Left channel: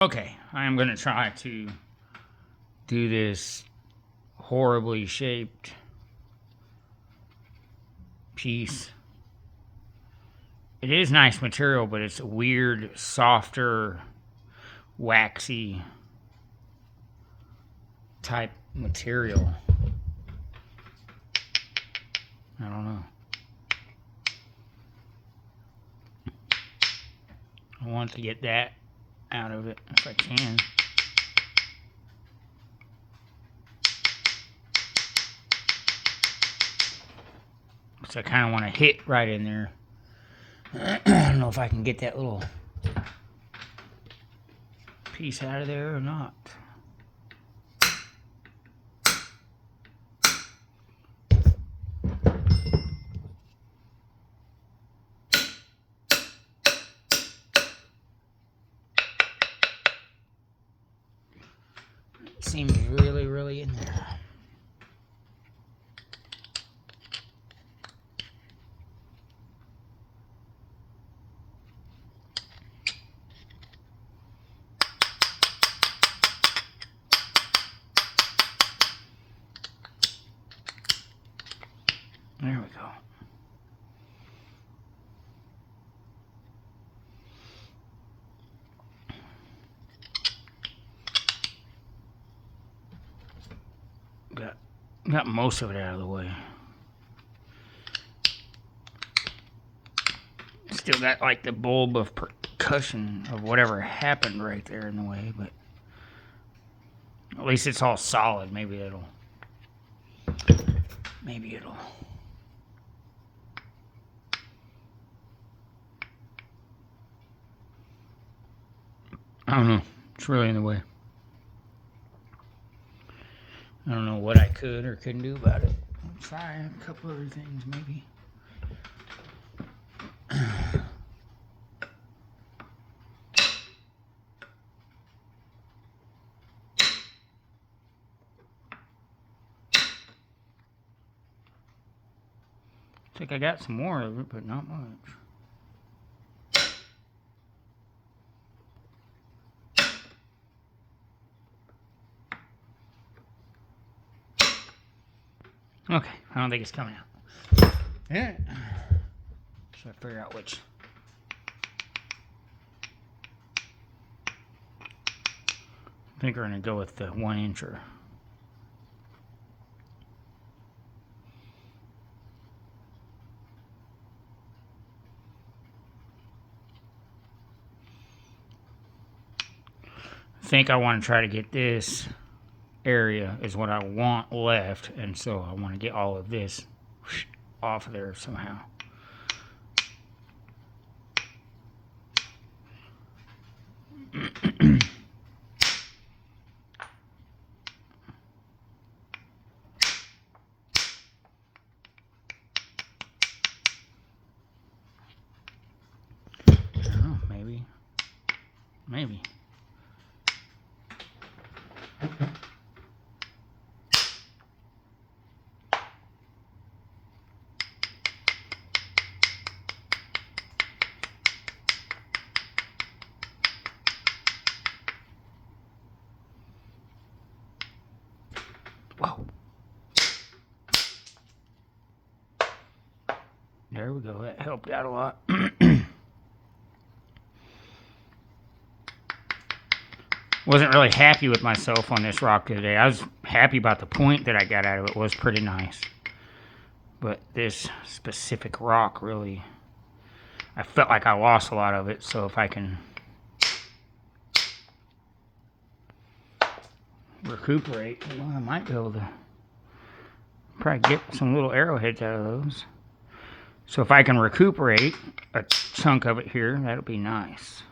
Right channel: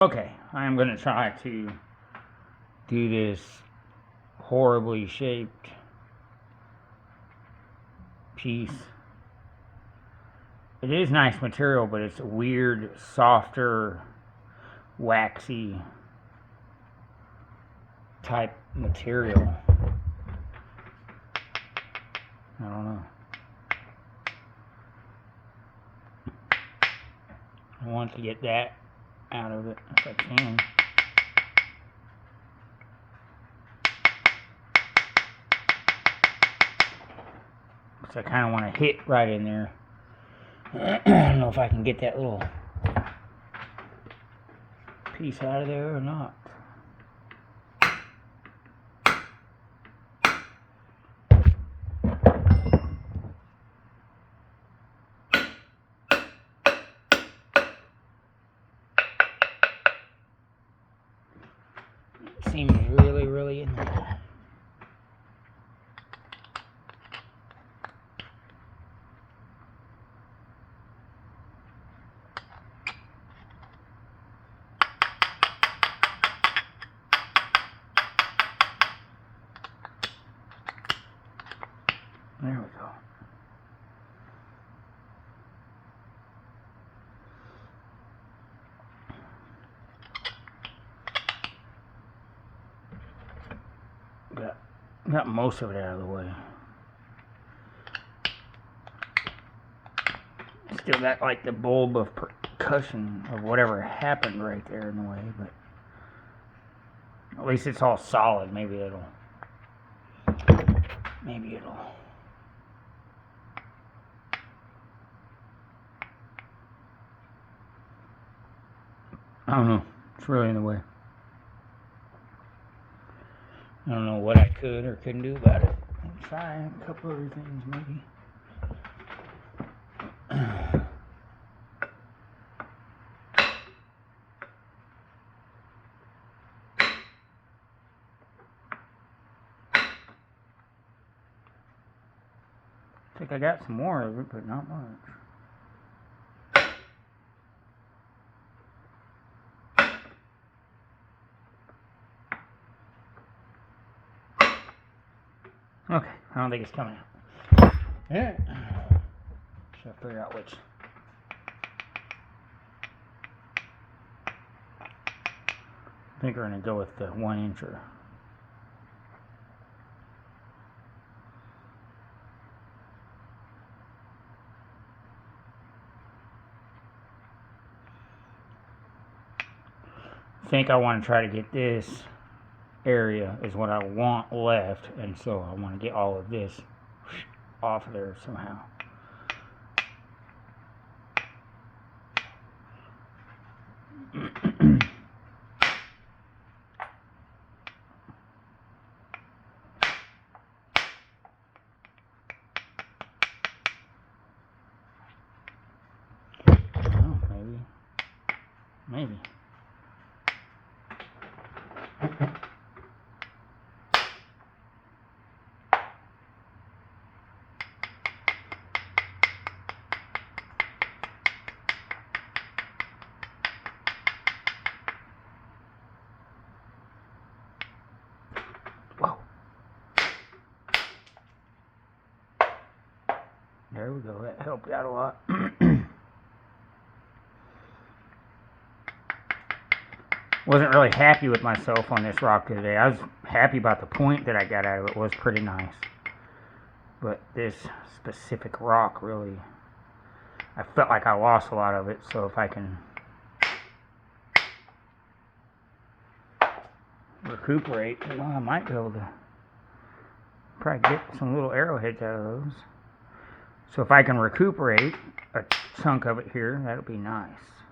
Okay, I am going to try to do this horribly shaped piece. It is nice material, but it's a weird, softer, waxy type material. I don't know. I want to get that out of it if I can. So I kind of want to hit right in there. I don't know if I can get that little piece out of there or not. It seems really in there. There we go. Got most of it out of the way. Still got like the bulb of percussion of whatever happened right there in the way, but at least it's all solid. Maybe it'll I don't know. It's really in the way. I don't know what I could or couldn't do about it. I'll try a couple other things maybe. I think I got some more of it, but not much. Okay, I don't think it's coming out. Yeah. Should I figure out which? I think we're gonna go with the 1-incher. I think I want to try to get this area is what I want left, and so I want to get all of this off of there somehow. Oh, maybe. Whoa. There we go. That helped out a lot. Wasn't really happy with myself on this rock today. I was happy about the point that I got out of it. It was pretty nice. But this specific rock really, I felt like I lost a lot of it. So if I can recuperate, well, I might be able to probably get some little arrowheads out of those. So if I can recuperate a chunk of it here, that'll be nice.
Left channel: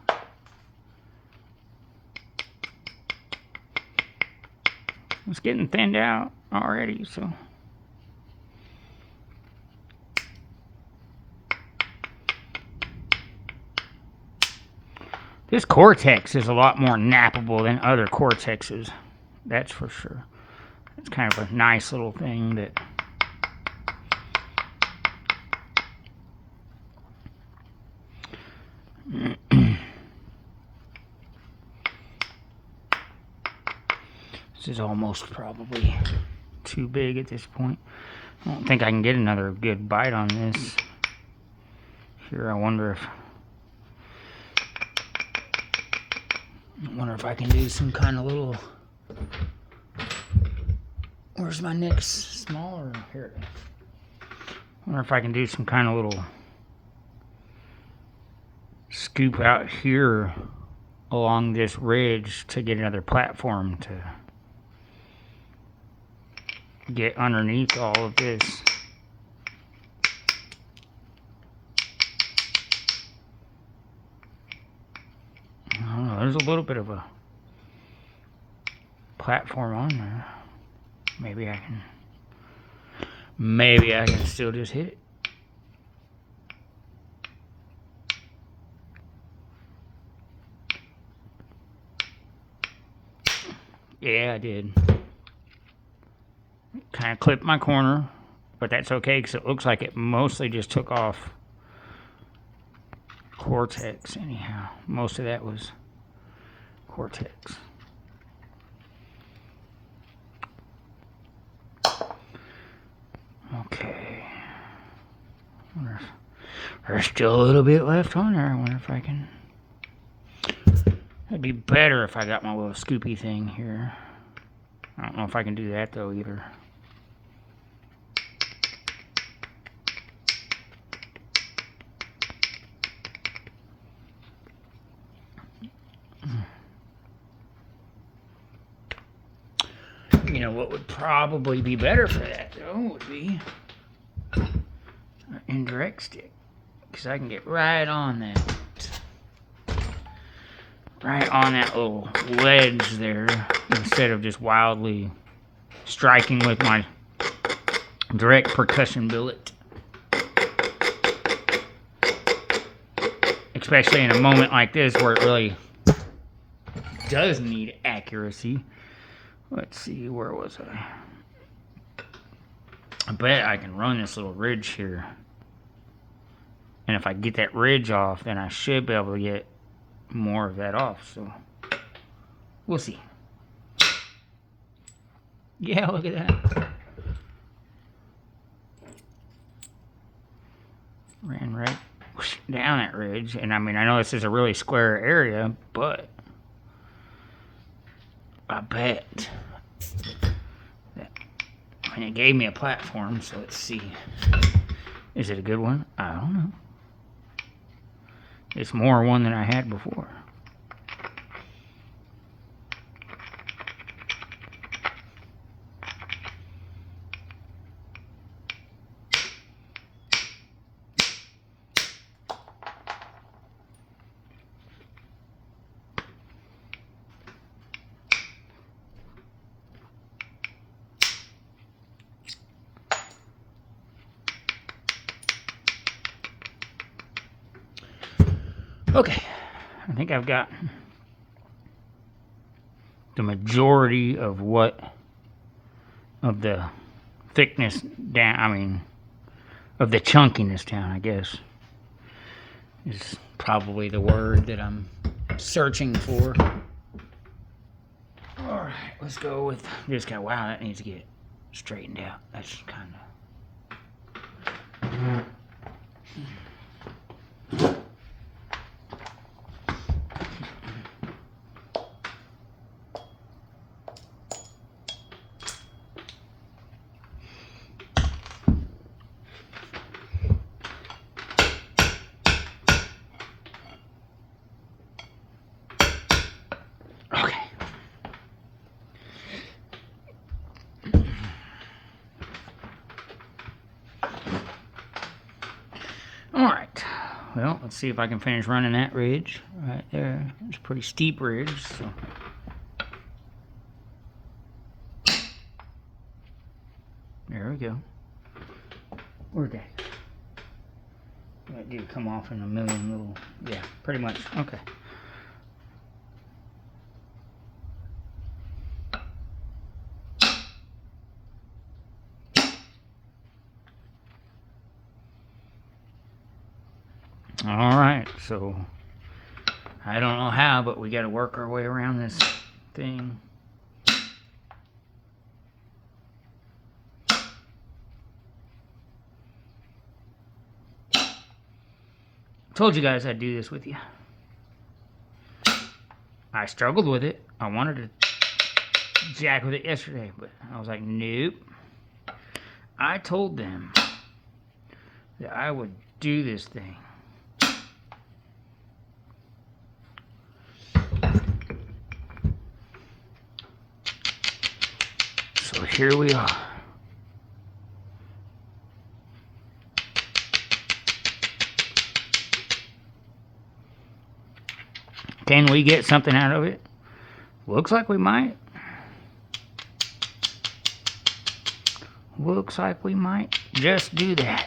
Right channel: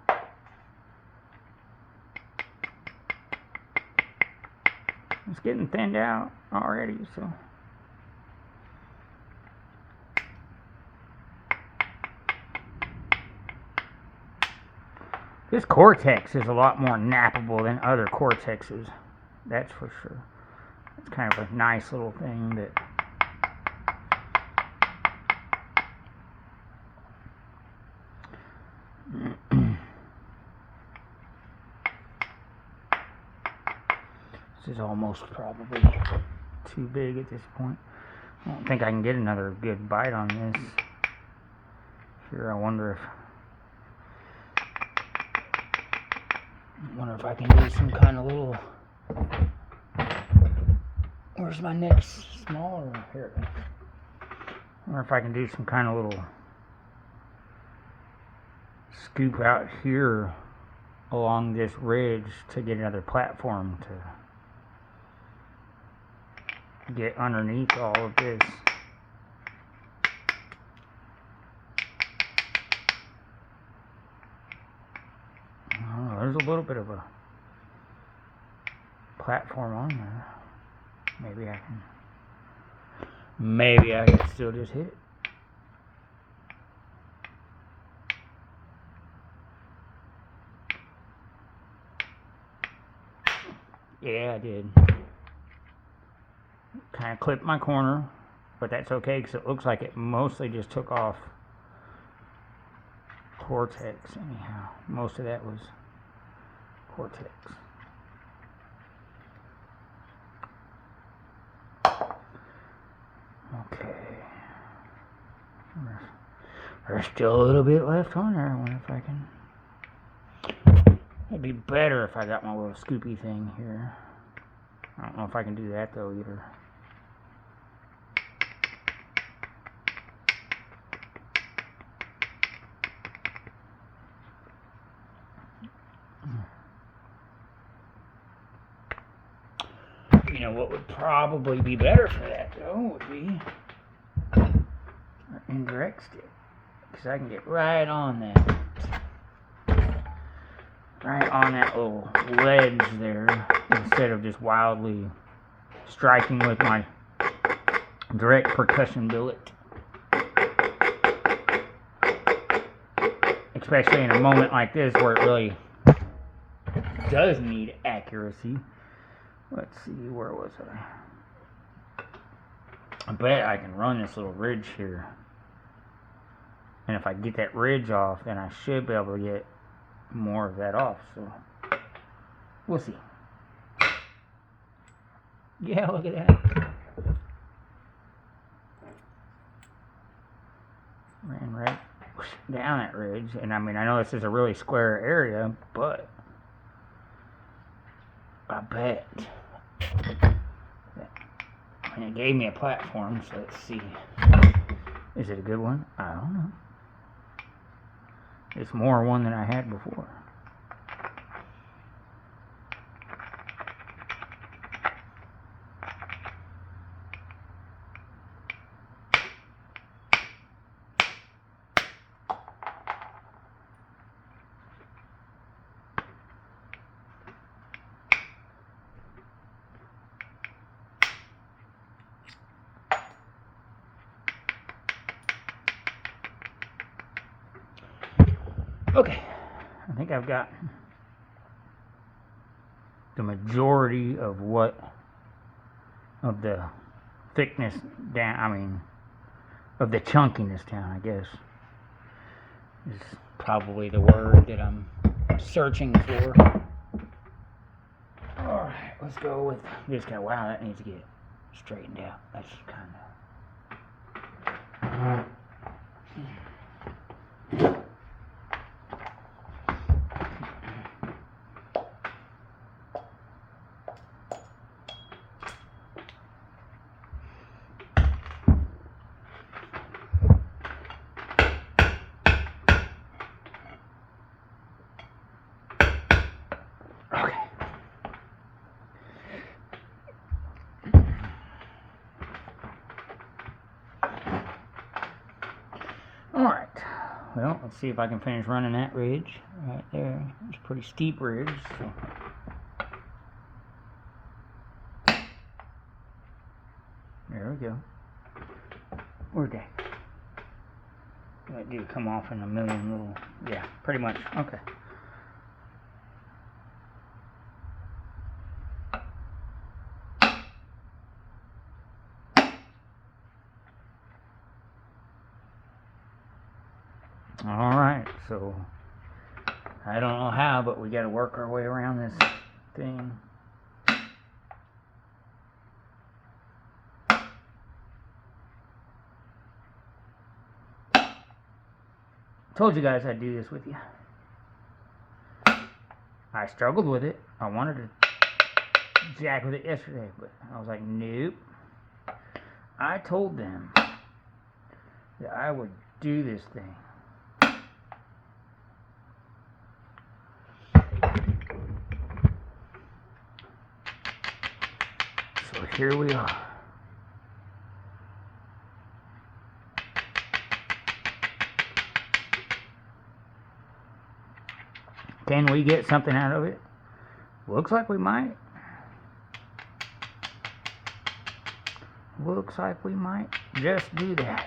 It's getting thinned out already, so. This Cortex is a lot more nappable than other Cortexes. That's for sure. It's kind of a nice little thing that This is almost probably too big at this point. I don't think I can get another good bite on this. Here, I wonder if I can do some kind of little. Where's my next smaller here? I wonder if I can do some kind of little scoop out here along this ridge to get another platform to get underneath all of this. I don't know, there's a little bit of a platform on there. Maybe I can still just hit it. Yeah, I did. Kind of clipped my corner, but that's okay because it looks like it mostly just took off cortex anyhow. Most of that was cortex. Okay. There's still a little bit left on there. I wonder if I can. It'd be better if I got my little scoopy thing here. I don't know if I can do that though either. You know what would probably be better for that though would be an indirect stick, because I can get right on that little ledge there instead of just wildly striking with my direct percussion billet. Especially in a moment like this where it really does need accuracy. Let's see, where was I? I bet I can run this little ridge here. And if I get that ridge off, then I should be able to get more of that off. So, we'll see. Yeah, look at that. Ran right down that ridge. And I mean, I know this is a really square area, but I bet. And it gave me a platform, so let's see. Is it a good one? I don't know. It's more one than I had before. Okay, I think I've got the majority of the thickness down, of the chunkiness down, I guess, is probably the word that I'm searching for. Alright, let's go with this guy. Wow, that needs to get straightened out. That's kind of... Well, let's see if I can finish running that ridge right there. It's a pretty steep ridge. So. There we go. Okay. That did come off in a million little... Yeah, pretty much. Okay. Alright, so I don't know how, but we got to work our way around this thing. Told you guys I'd do this with you. I struggled with it. I wanted to jack with it yesterday, but I was like, nope. I told them that I would do this thing. So here we are. Can we get something out of it? Looks like we might. Looks like we might just do that.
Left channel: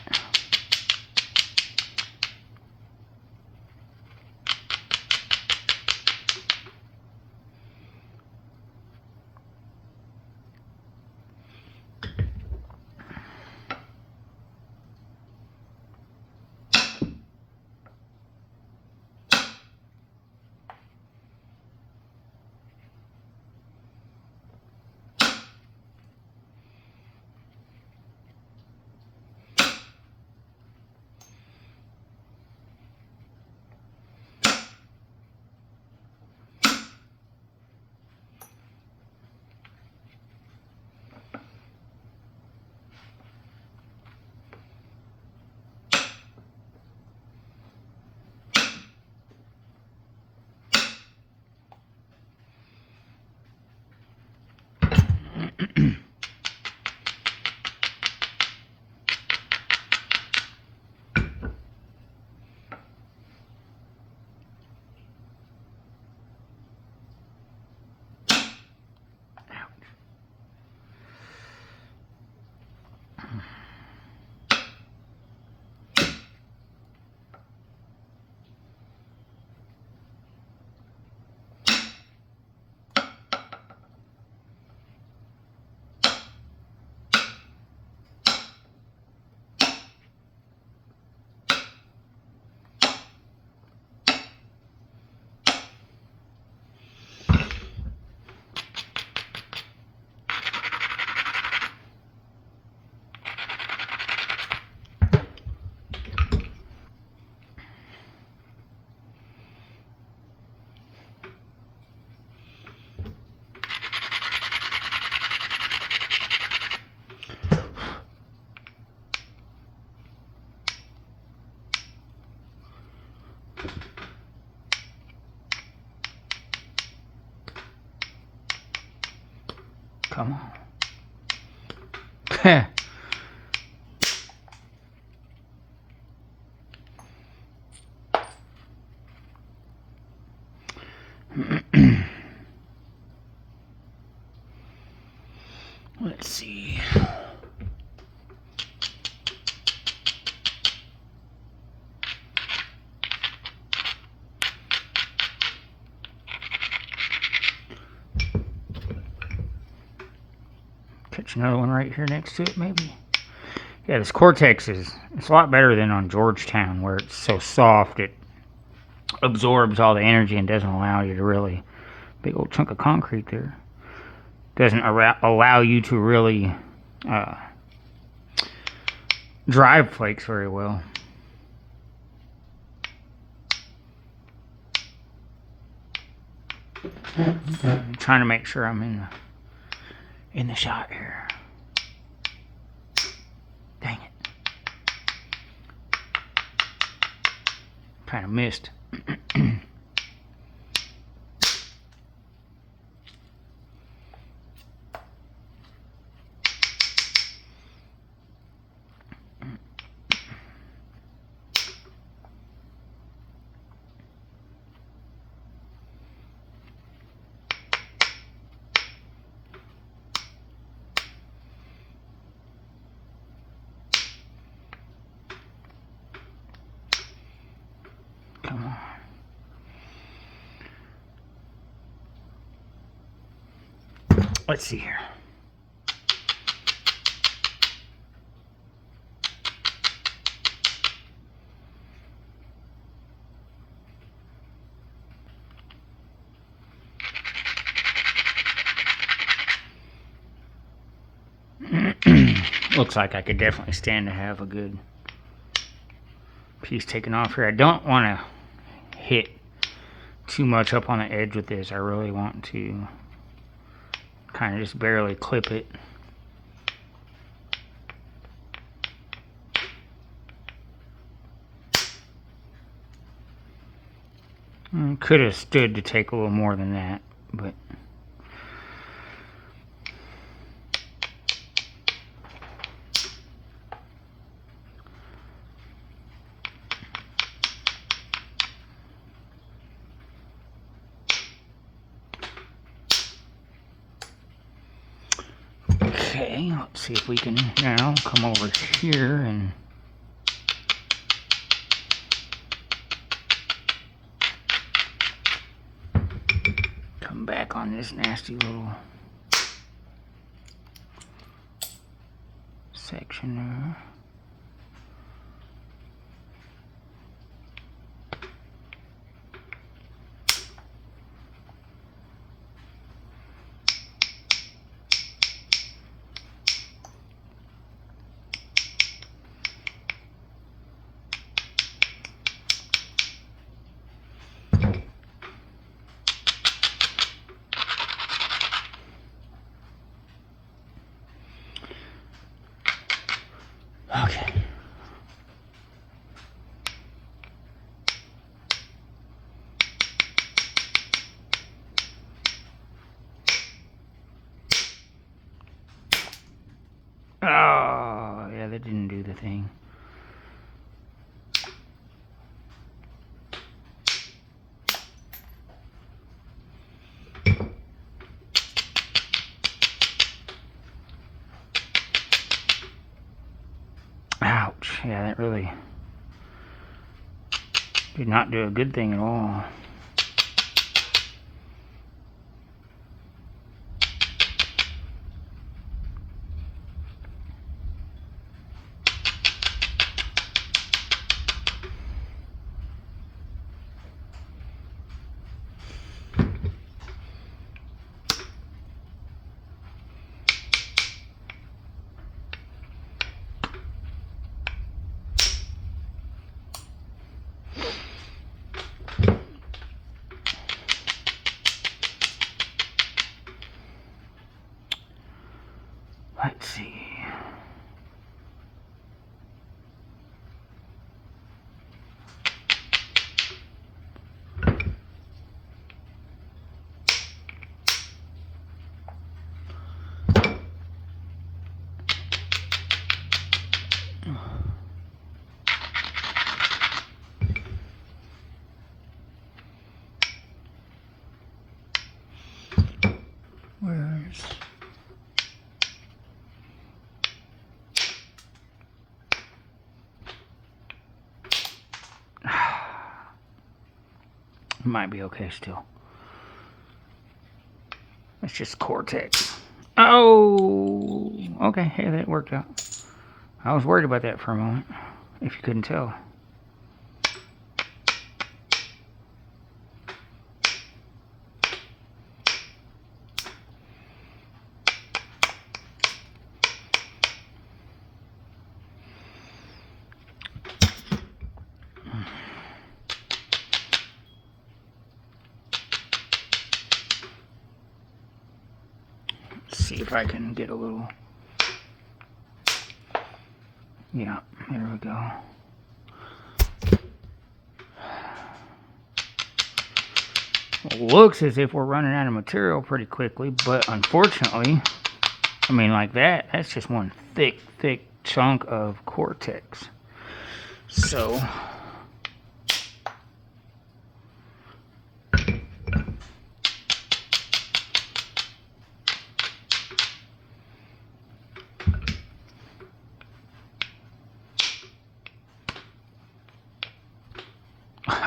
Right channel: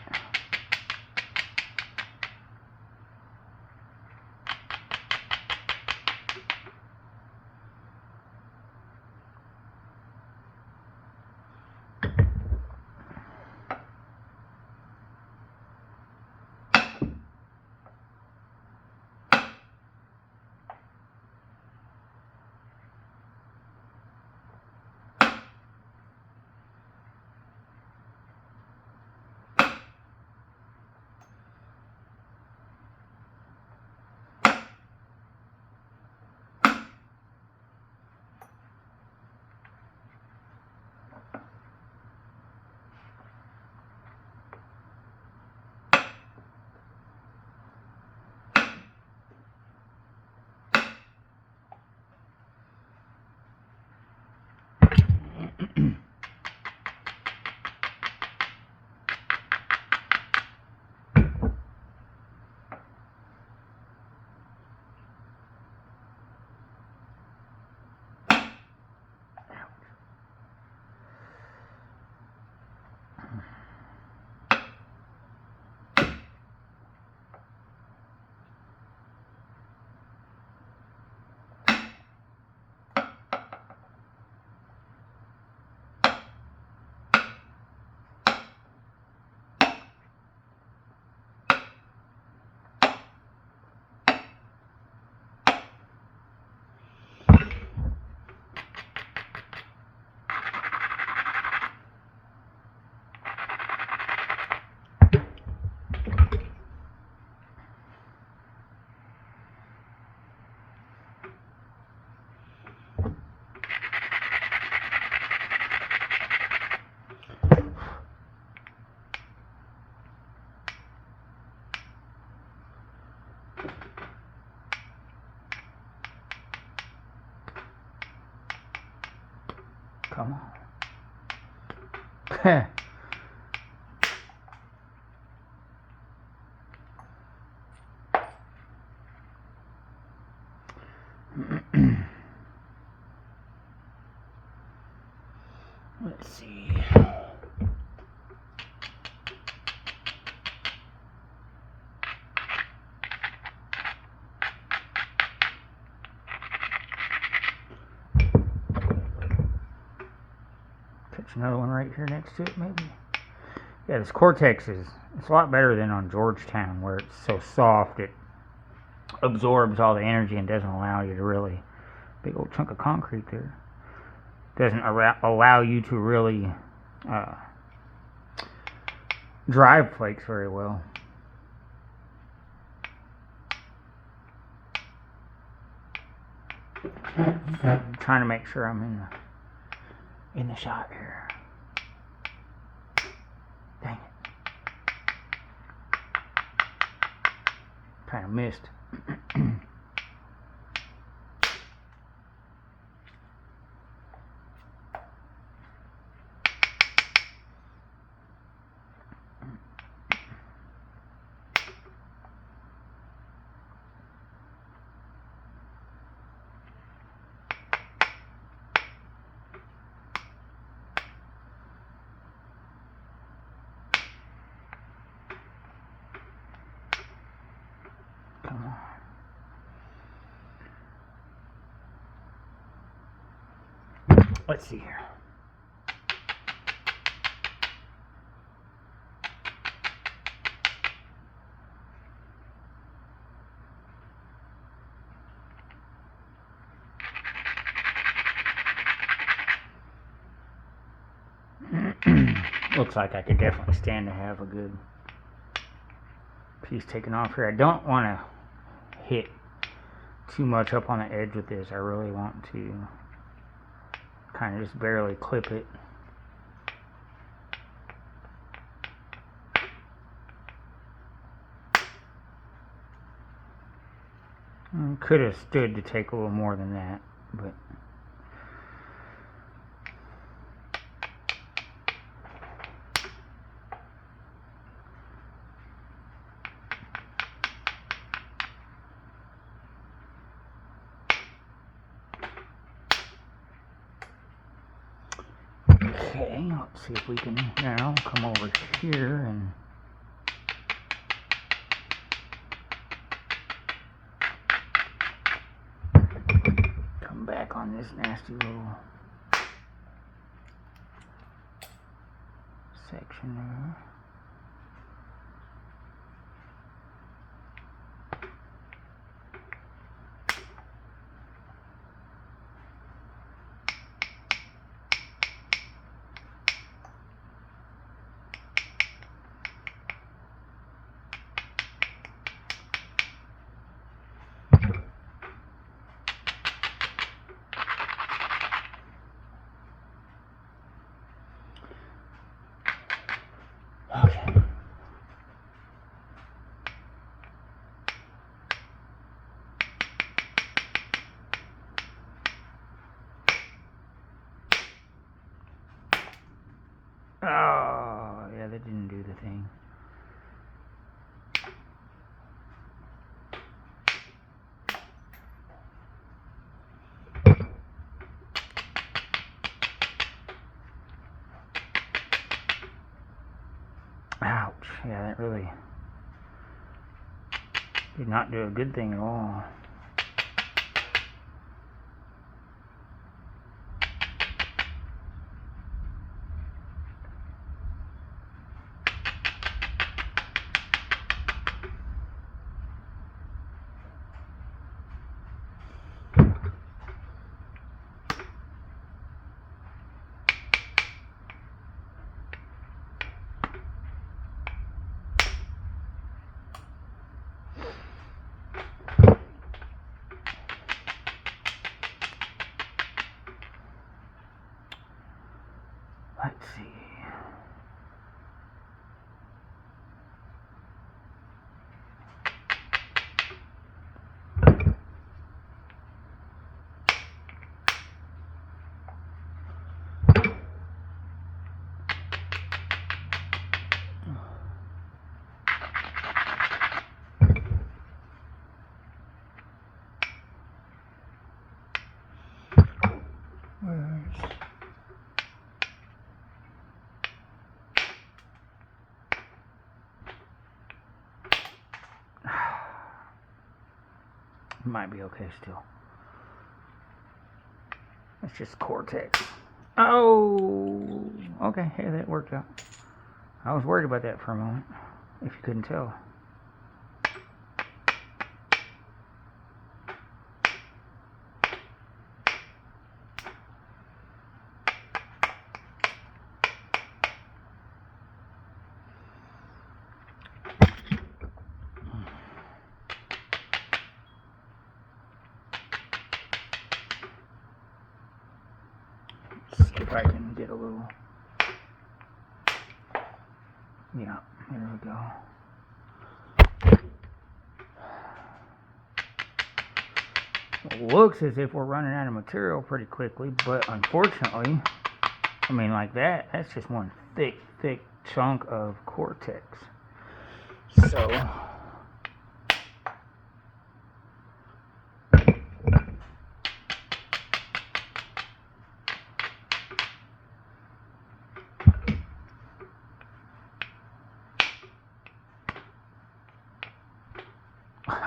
Come on. Let's see. Catch another one right here next to it, maybe. Yeah, this Cortex it's a lot better than on Georgetown, where it's so soft it absorbs all the energy and doesn't allow you to really, big old chunk of concrete there, doesn't allow you to really drive flakes very well. I'm trying to make sure I'm in the shot here. Dang it. Kind of missed. Come on. Let's see here. Looks like I could definitely stand to have a good piece taken off here. I don't want to hit too much up on the edge with this. I really want to kind of just barely clip it. Could have stood to take a little more than that, but okay, let's see if we can now come over here and come back on this nasty little section there. Okay. Oh, yeah, that didn't do the thing. Ouch. Yeah, that really did not do a good thing at all. Let's see. Where's... Might be okay still. It's just Cortex. Oh, okay. Hey, that worked out. I was worried about that for a moment, if you couldn't tell. See if I can get a little, yeah, there we go. Looks as if we're running out of material pretty quickly, but unfortunately, I mean, like that's just one thick chunk of Cortex. So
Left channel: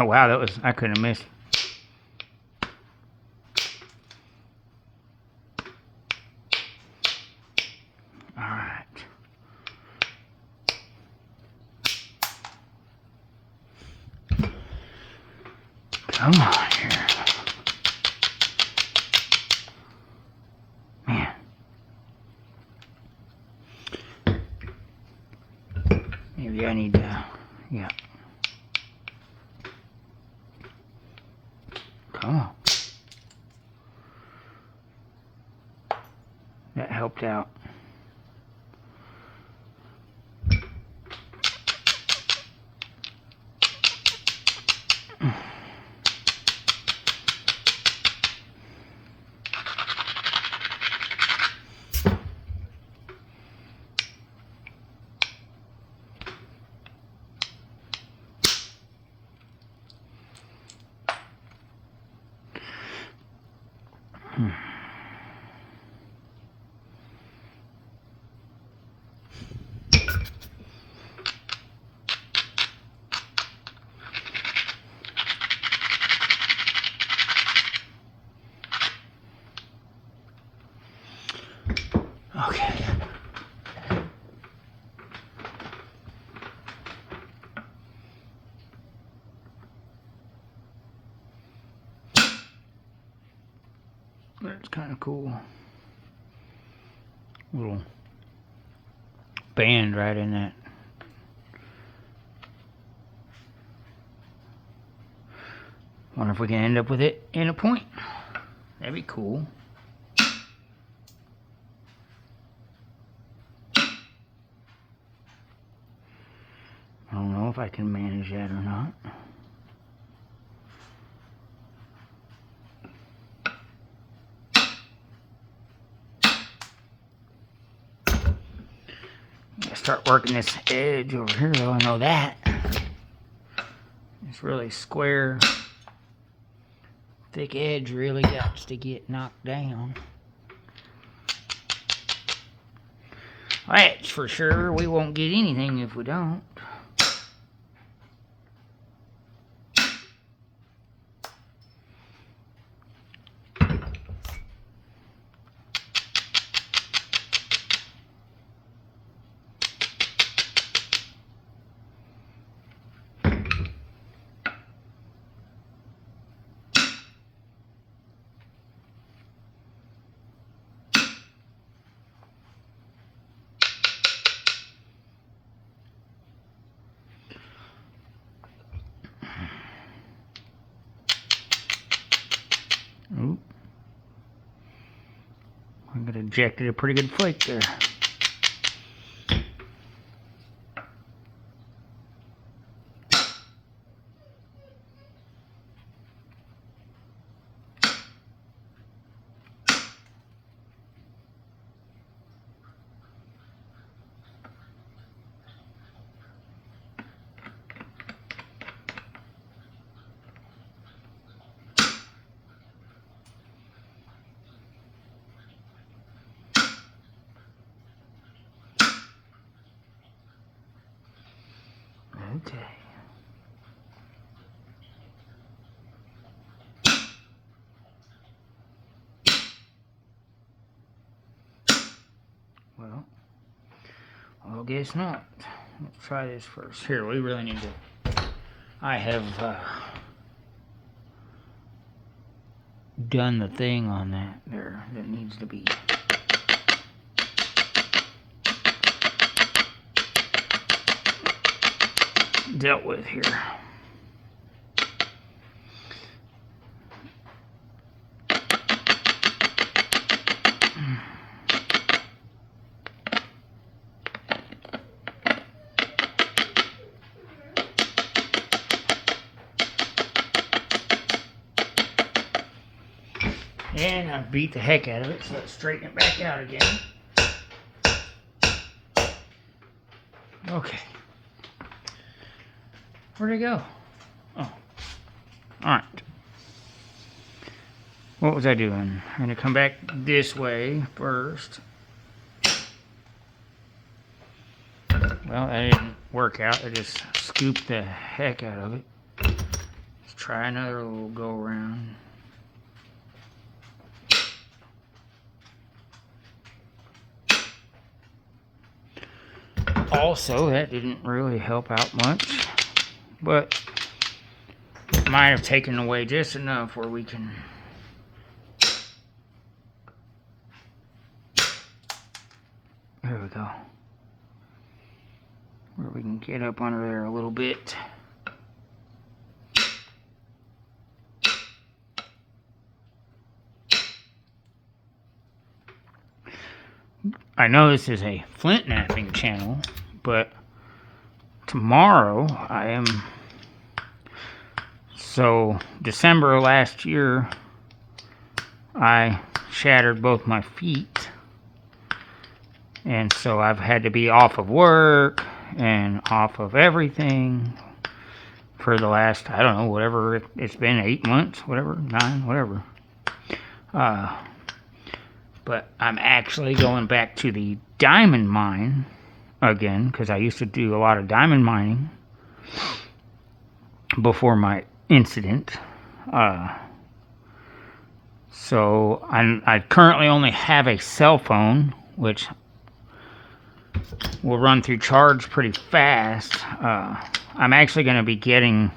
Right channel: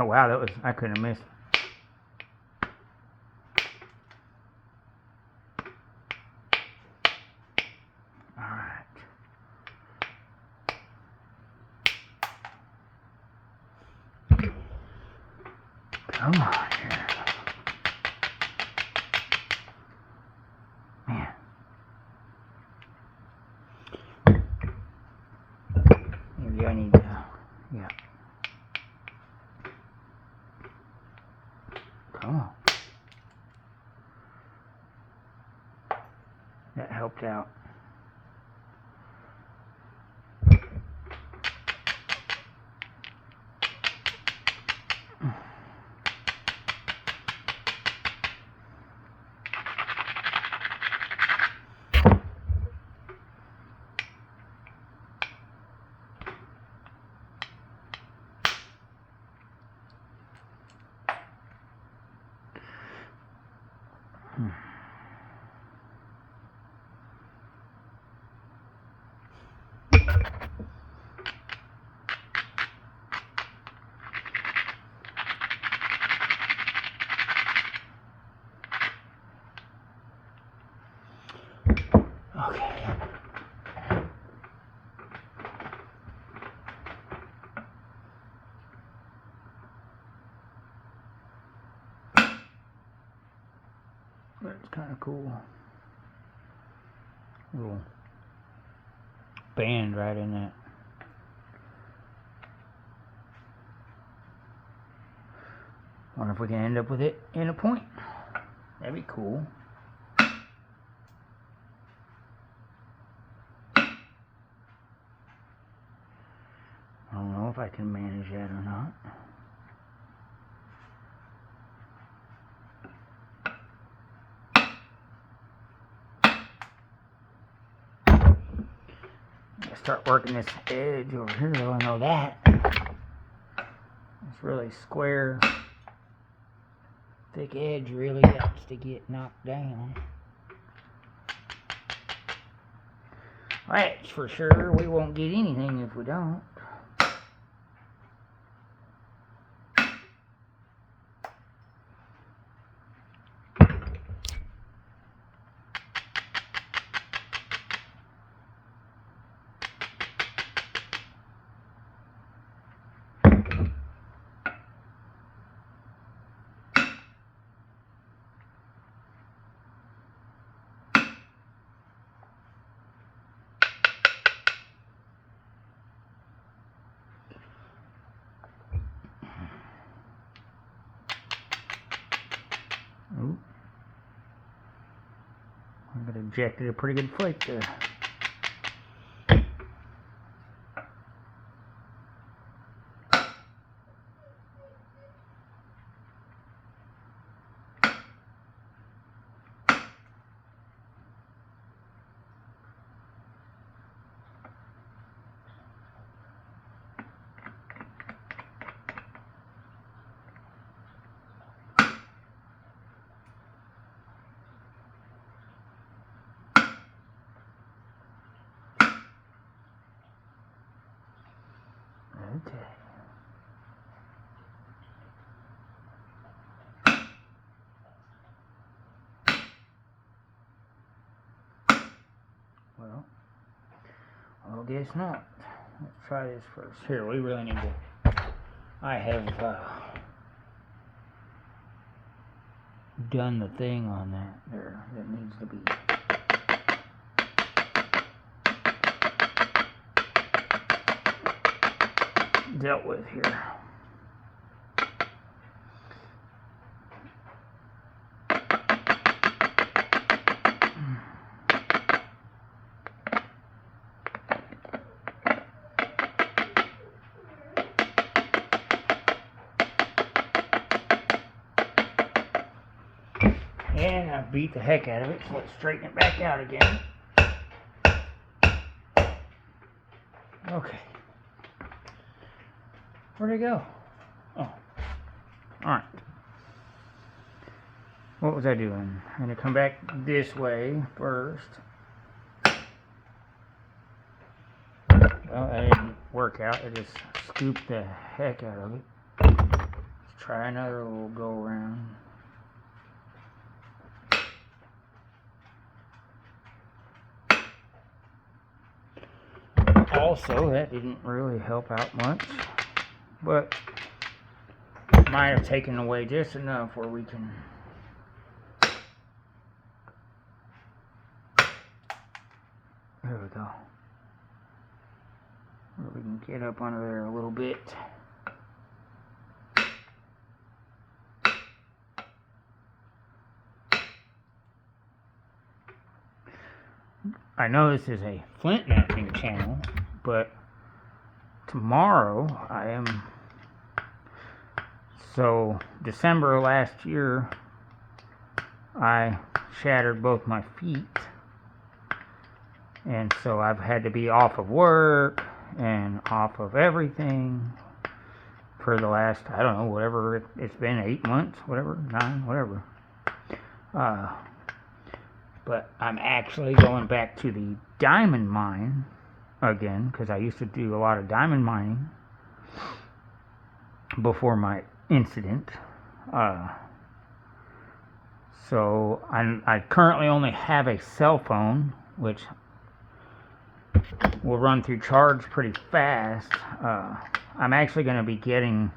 wow, that was, I couldn't have missed. All right. Come on here. Man. Maybe I need to, yeah. That helped out. Okay. That's kind of cool. Little band right in that. Wonder if we can end up with it in a point. That'd be cool. I don't know if I can manage that or not. Start working this edge over here though, I know that. This really square, thick edge really got to get knocked down. That's for sure. We won't get anything if we don't. Oop. I got ejected a pretty good flake there. Okay. Well, I guess not. Let's try this first. Here, we really need to. I have done the thing on that there that needs to be. Dealt with here. And I beat the heck out of it, so let's straighten it back out again. Okay. Where'd it go? Oh. Alright. What was I doing? I'm going to come back this way first. Well, that didn't work out. I just scooped the heck out of it. Let's try another little go around. Also, that didn't really help out much, but it might have taken away just enough where we can there we go, where we can get up under there a little bit. I know this is a flint napping channel, but tomorrow I am... So, December of last year, I shattered both my feet. And so I've had to be off of work and off of everything for the last, I don't know, whatever it's been, 8 months, whatever, 9, whatever. But I'm actually going back to the diamond mine again, because I used to do a lot of diamond mining before my incident. So I currently only have a cell phone, which will run through charge pretty fast. I'm actually going to be getting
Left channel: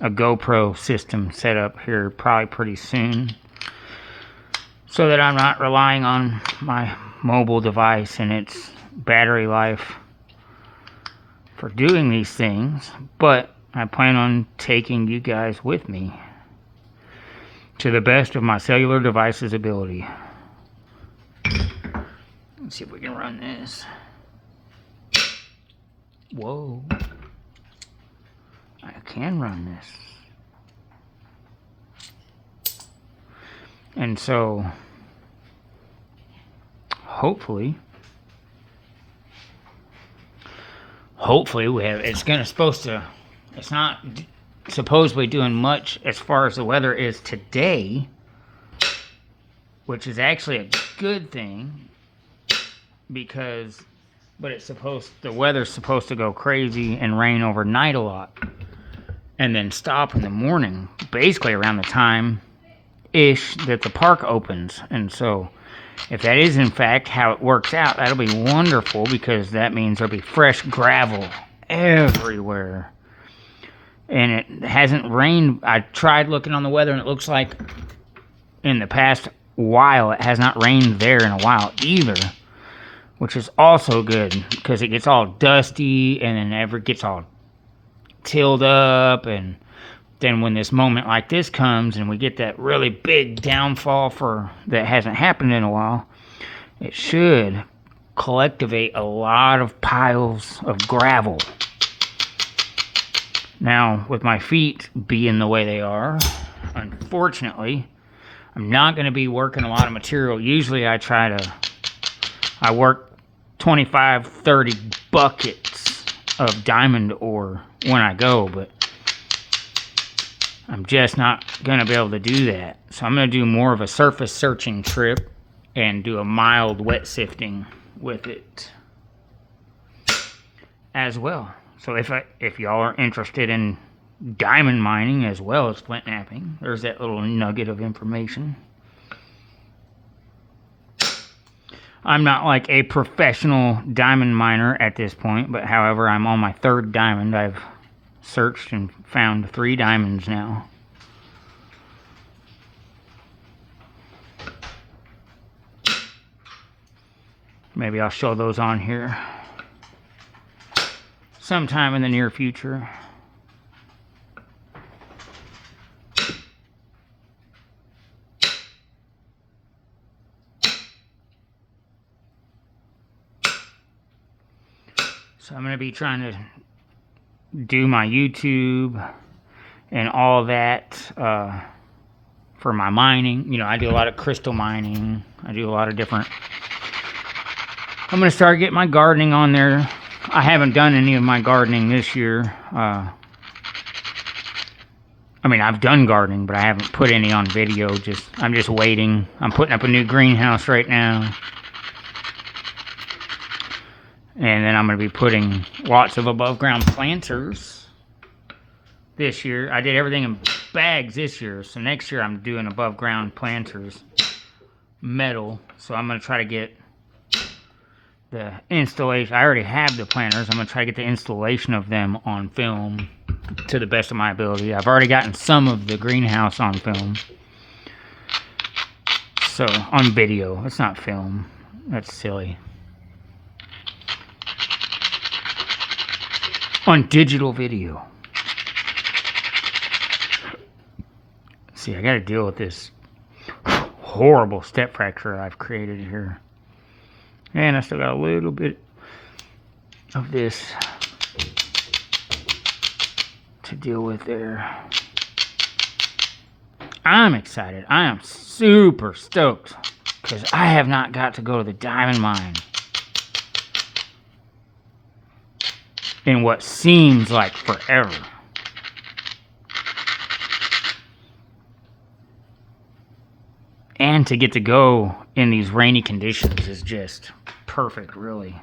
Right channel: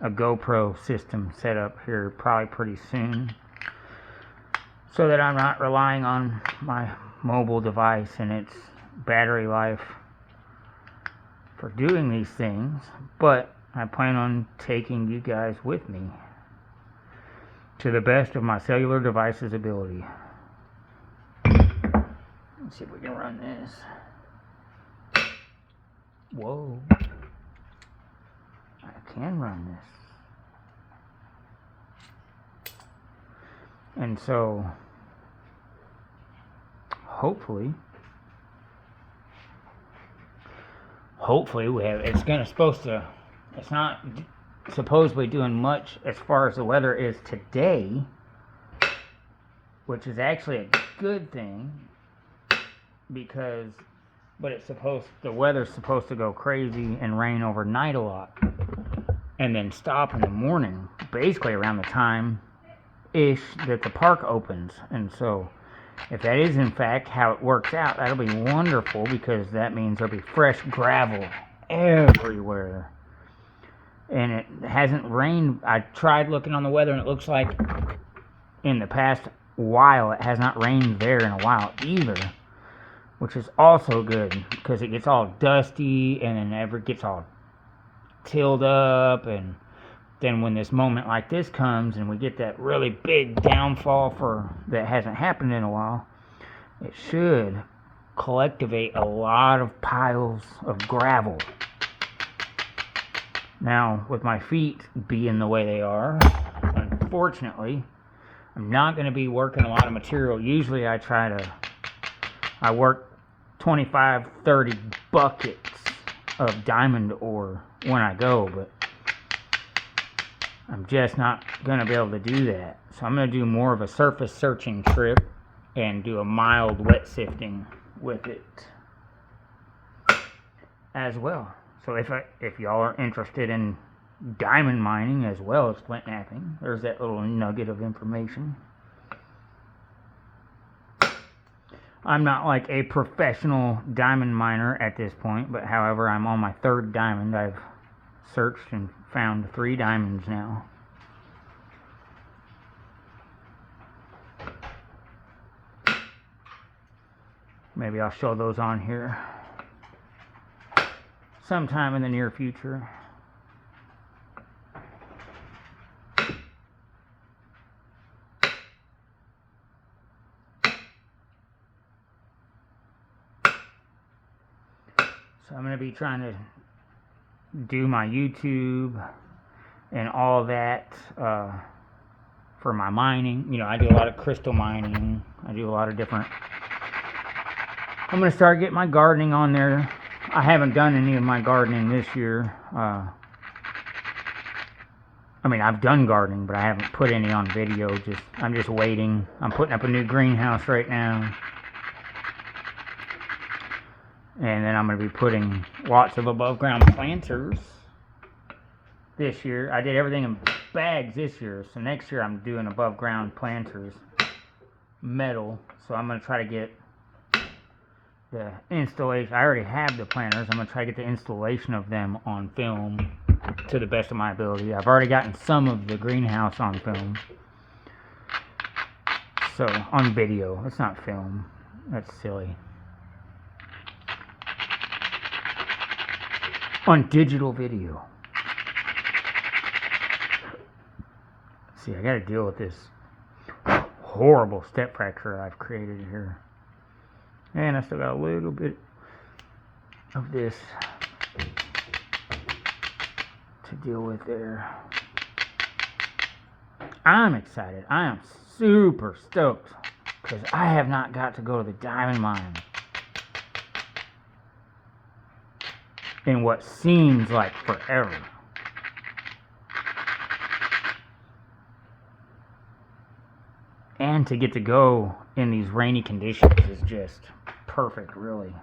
a GoPro system set up here probably pretty soon, so that I'm not relying on my mobile device and its battery life for doing these things. But I plan on taking you guys with me to the best of my cellular device's ability. Let's see if we can run this. Whoa. I can run this. And so, hopefully we have, it's not supposedly doing much as far as the weather is today, which is actually a good thing, because, but the weather's supposed to go crazy and rain overnight a lot, and then stop in the morning, basically around the time-ish that the park opens. And so, if that is in fact how it works out, that'll be wonderful, because that means there'll be fresh gravel everywhere. And it hasn't rained. I tried looking on the weather, and it looks like in the past while it has not rained there in a while either, which is also good, because it gets all dusty and then it gets all tilled up. And then when this moment like this comes and we get that really big downfall that hasn't happened in a while, it should collectivate a lot of piles of gravel. Now, with my feet being the way they are, unfortunately, I'm not going to be working a lot of material. Usually I work 25, 30 buckets of diamond ore when I go, but I'm just not going to be able to do that. So I'm going to do more of a surface searching trip and do a mild wet sifting with it as well. So if y'all are interested in diamond mining as well as flint napping, there's that little nugget of information. I'm not like a professional diamond miner at this point, but however, I'm on my 3rd diamond. I've searched and found 3 diamonds now. Maybe I'll show those on here sometime in the near future. So I'm going to be trying to do my YouTube and all that for my mining. You know, I do a lot of crystal mining. I do a lot of different... I'm going to start getting my gardening on there. I haven't done any of my gardening this year. I mean, I've done gardening, but I haven't put any on video. I'm just waiting. I'm putting up a new greenhouse right now. And then I'm going to be putting lots of above ground planters this year. I did everything in bags this year. So next year I'm doing above ground planters, metal. So I'm going to try to get the installation. I already have the planters. I'm going to try to get the installation of them on film to the best of my ability. I've already gotten some of the greenhouse on film. So, on video. It's not film. That's silly. On digital video. See, I gotta deal with this horrible step fracture I've created here. And I still got a little bit of this to deal with there. I'm excited. I am super stoked because I have not got to go to the diamond mine in what seems like forever. And to get to go in these rainy conditions is just perfect, really.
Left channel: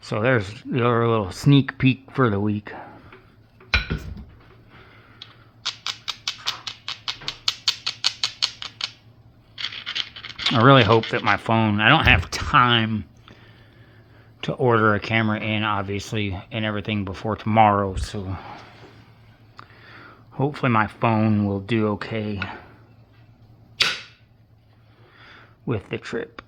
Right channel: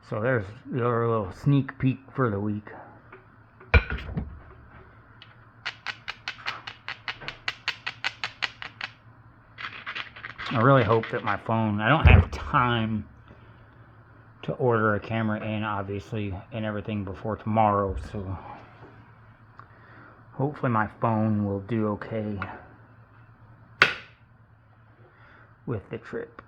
So there's your little sneak peek for the week. I really hope that my phone, I don't have time to order a camera in, obviously, and everything before tomorrow, so hopefully my phone will do okay with the trip.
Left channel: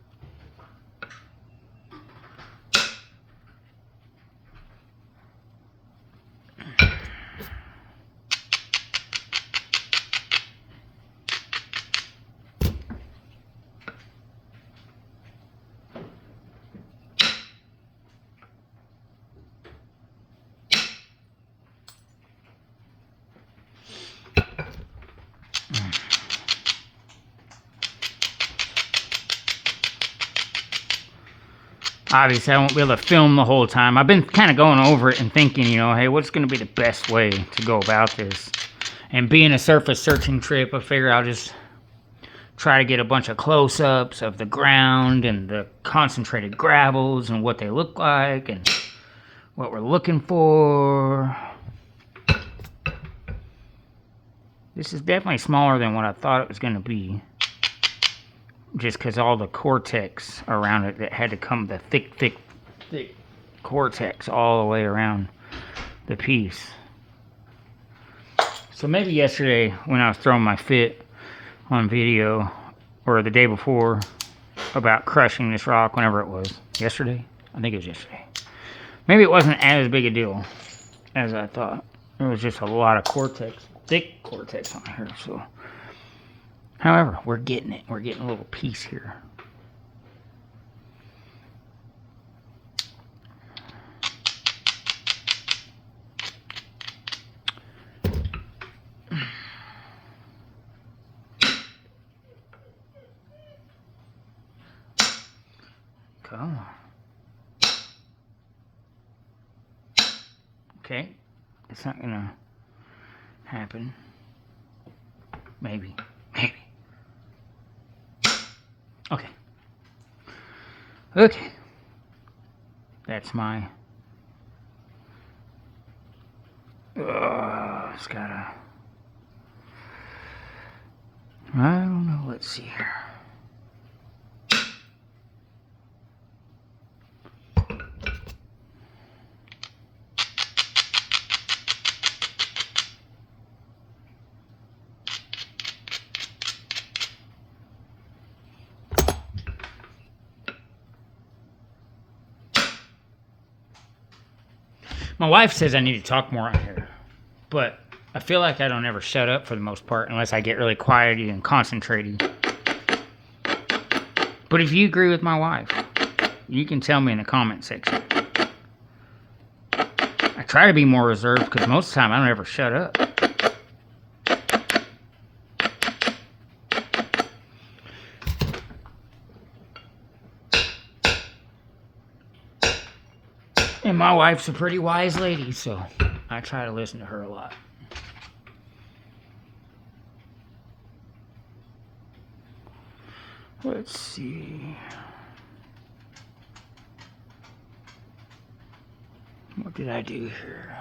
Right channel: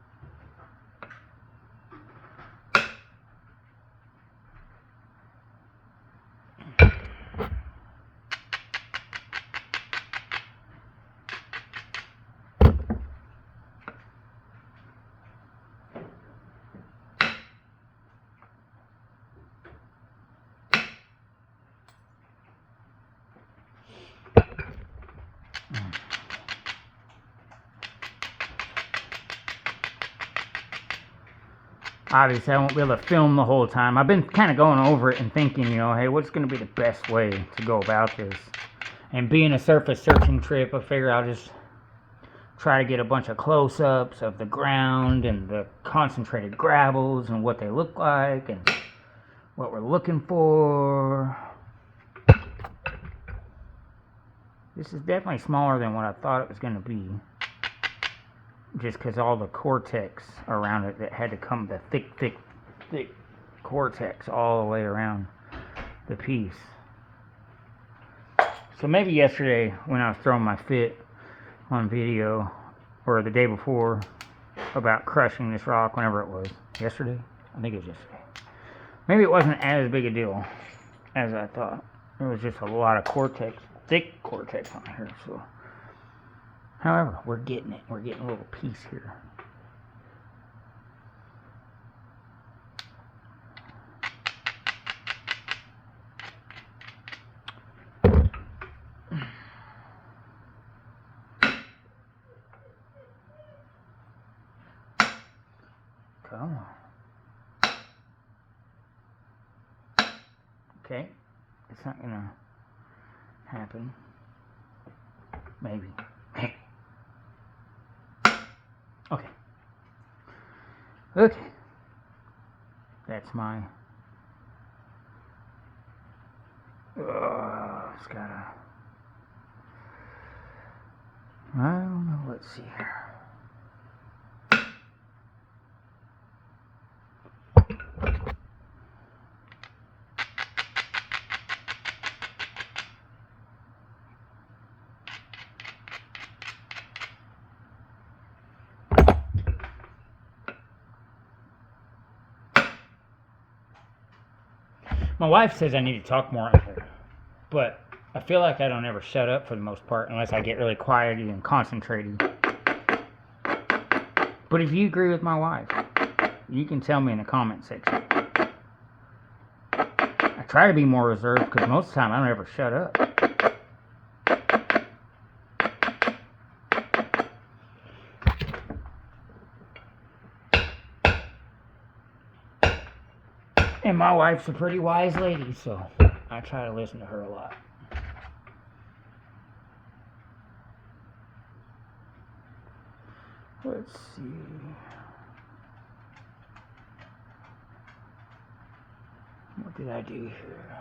Obviously, I won't be able to film the whole time. I've been kind of going over it and thinking, you know, hey, what's going to be the best way to go about this? And being a surface searching trip, I figure I'll just try to get a bunch of close-ups of the ground and the concentrated gravels and what they look like and what we're looking for. This is definitely smaller than what I thought it was going to be. Just because all the cortex around it that had to come, the thick cortex all the way around the piece. So maybe yesterday when I was throwing my fit on video, or the day before, about crushing this rock, whenever it was. Yesterday? I think it was yesterday. Maybe it wasn't as big a deal as I thought. It was just a lot of cortex, thick cortex on here, so. However, we're getting it. We're getting a little piece here. Come on. Okay. It's not gonna happen. Maybe. Maybe. Okay. Okay. That's my... it's gotta... I don't know. Let's see here. My wife says I need to talk more on here, but I feel like I don't ever shut up for the most part unless I get really quiety and concentrated. But if you agree with my wife, you can tell me in the comment section. I try to be more reserved because most of the time I don't ever shut up. And my wife's a pretty wise lady, so I try to listen to her a lot. Let's see. What did I do here?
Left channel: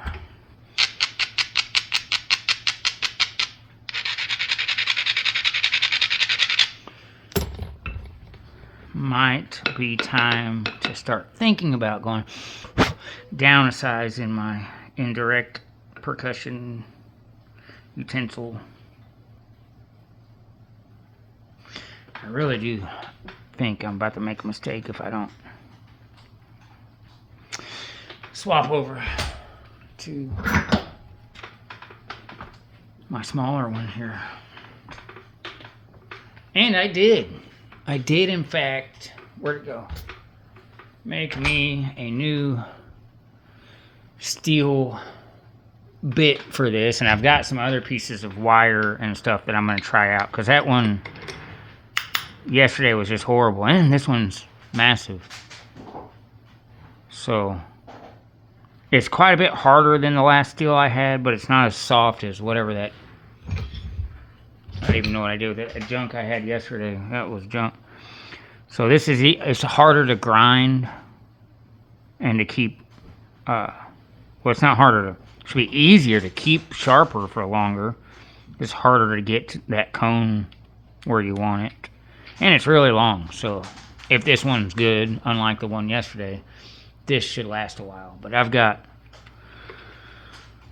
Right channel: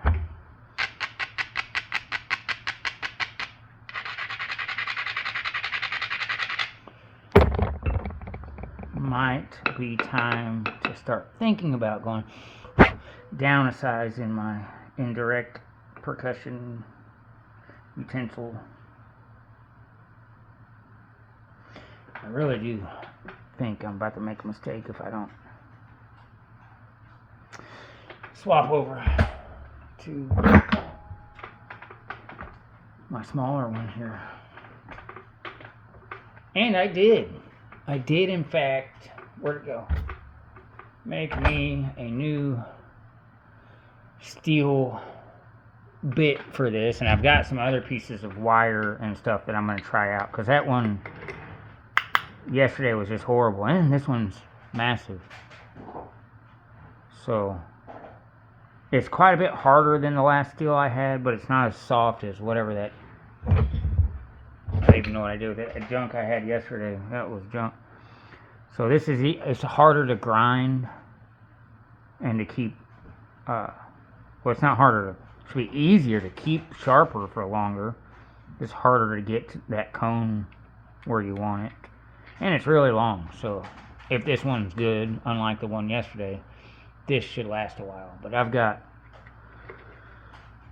Might be time to start thinking about going down a size in my indirect percussion utensil. I really do think I'm about to make a mistake if I don't swap over to my smaller one here. And I did. I did, in fact, where'd it go? Make me a new steel bit for this. And I've got some other pieces of wire and stuff that I'm going to try out. Because that one yesterday was just horrible. And this one's massive. So it's quite a bit harder than the last steel I had, but it's not as soft as whatever that... I don't even know what I did with that junk I had yesterday. That was junk. So this is, it's harder to grind and to keep, well, it's not harder to, it should be easier to keep sharper for longer. It's harder to get to that cone where you want it. And it's really long, so if this one's good, unlike the one yesterday, this should last a while. But I've got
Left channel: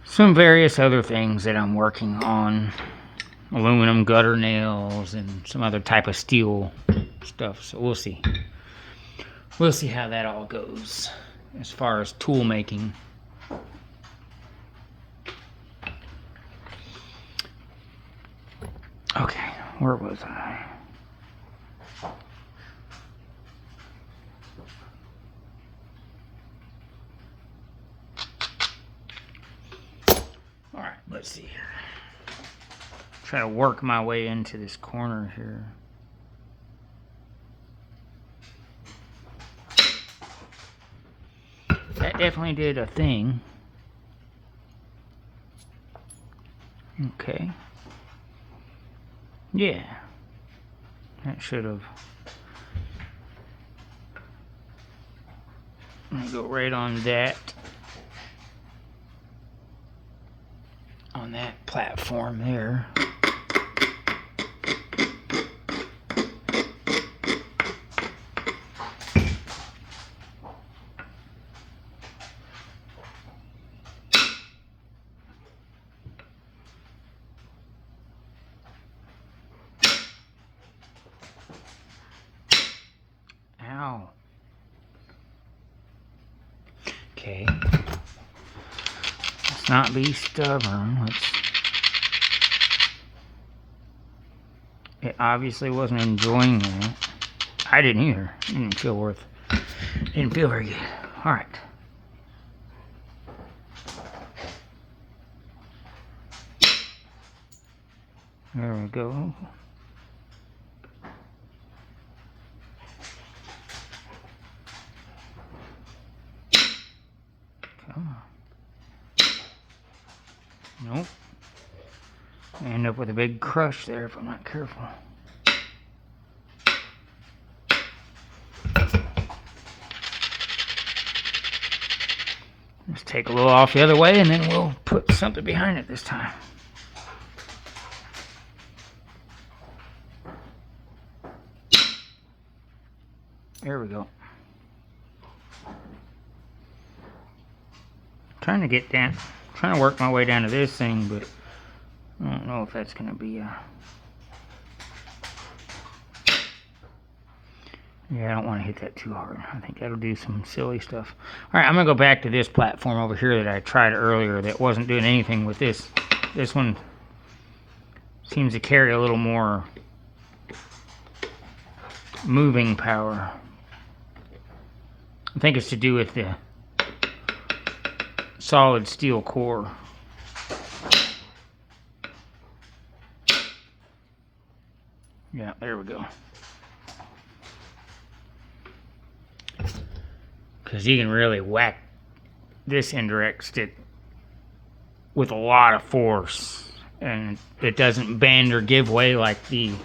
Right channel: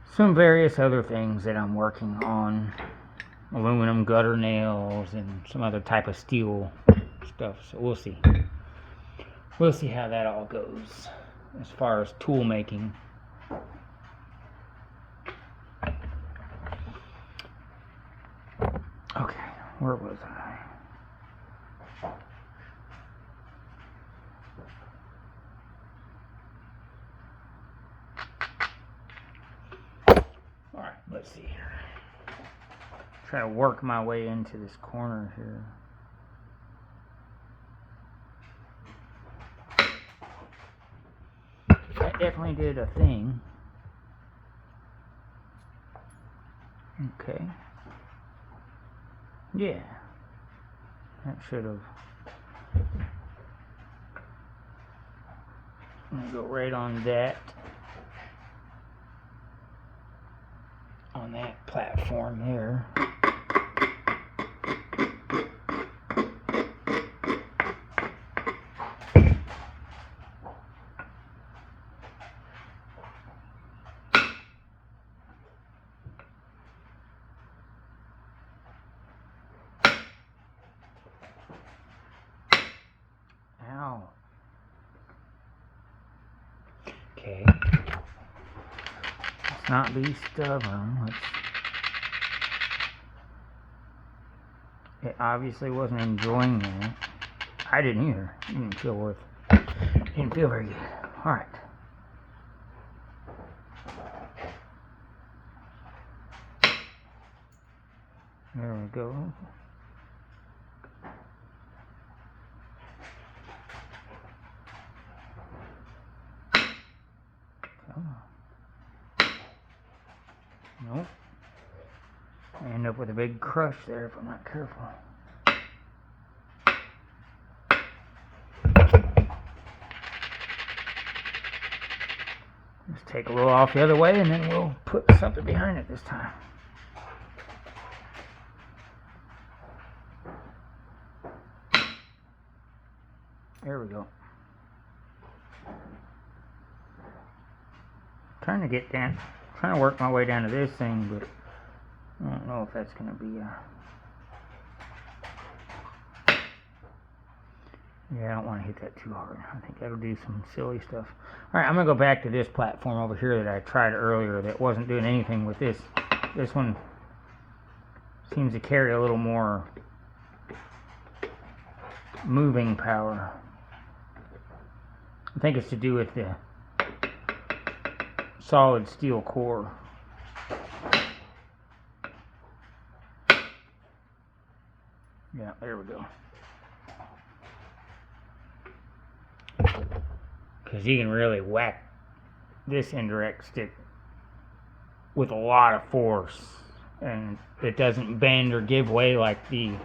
some various other things that I'm working on. Aluminum gutter nails and some other type of steel stuff. So we'll see. We'll see how that all goes as far as tool making. Okay, where was I? All right, let's see here. Try to work my way into this corner here. That definitely did a thing. Okay. Yeah. That should have. Go right on that. On that platform there. Ow. Okay. Let's not be stubborn. It obviously wasn't enjoying that. I didn't either. It didn't feel very good. All right. There we go. Come on. Nope. I end up with a big crush there if I'm not careful. Just take a little off the other way and then we'll put something behind it this time. There we go. Trying to work my way down to this thing, but I don't know if that's going to be yeah, I don't want to hit that too hard. I think that'll do some silly stuff. Alright, I'm going to go back to this platform over here that I tried earlier that wasn't doing anything with this. This one seems to carry a little more moving power. I think it's to do with the solid steel core. Yeah, there we go. Because you can really whack this indirect stick with a lot of force, and it doesn't bend or give way like the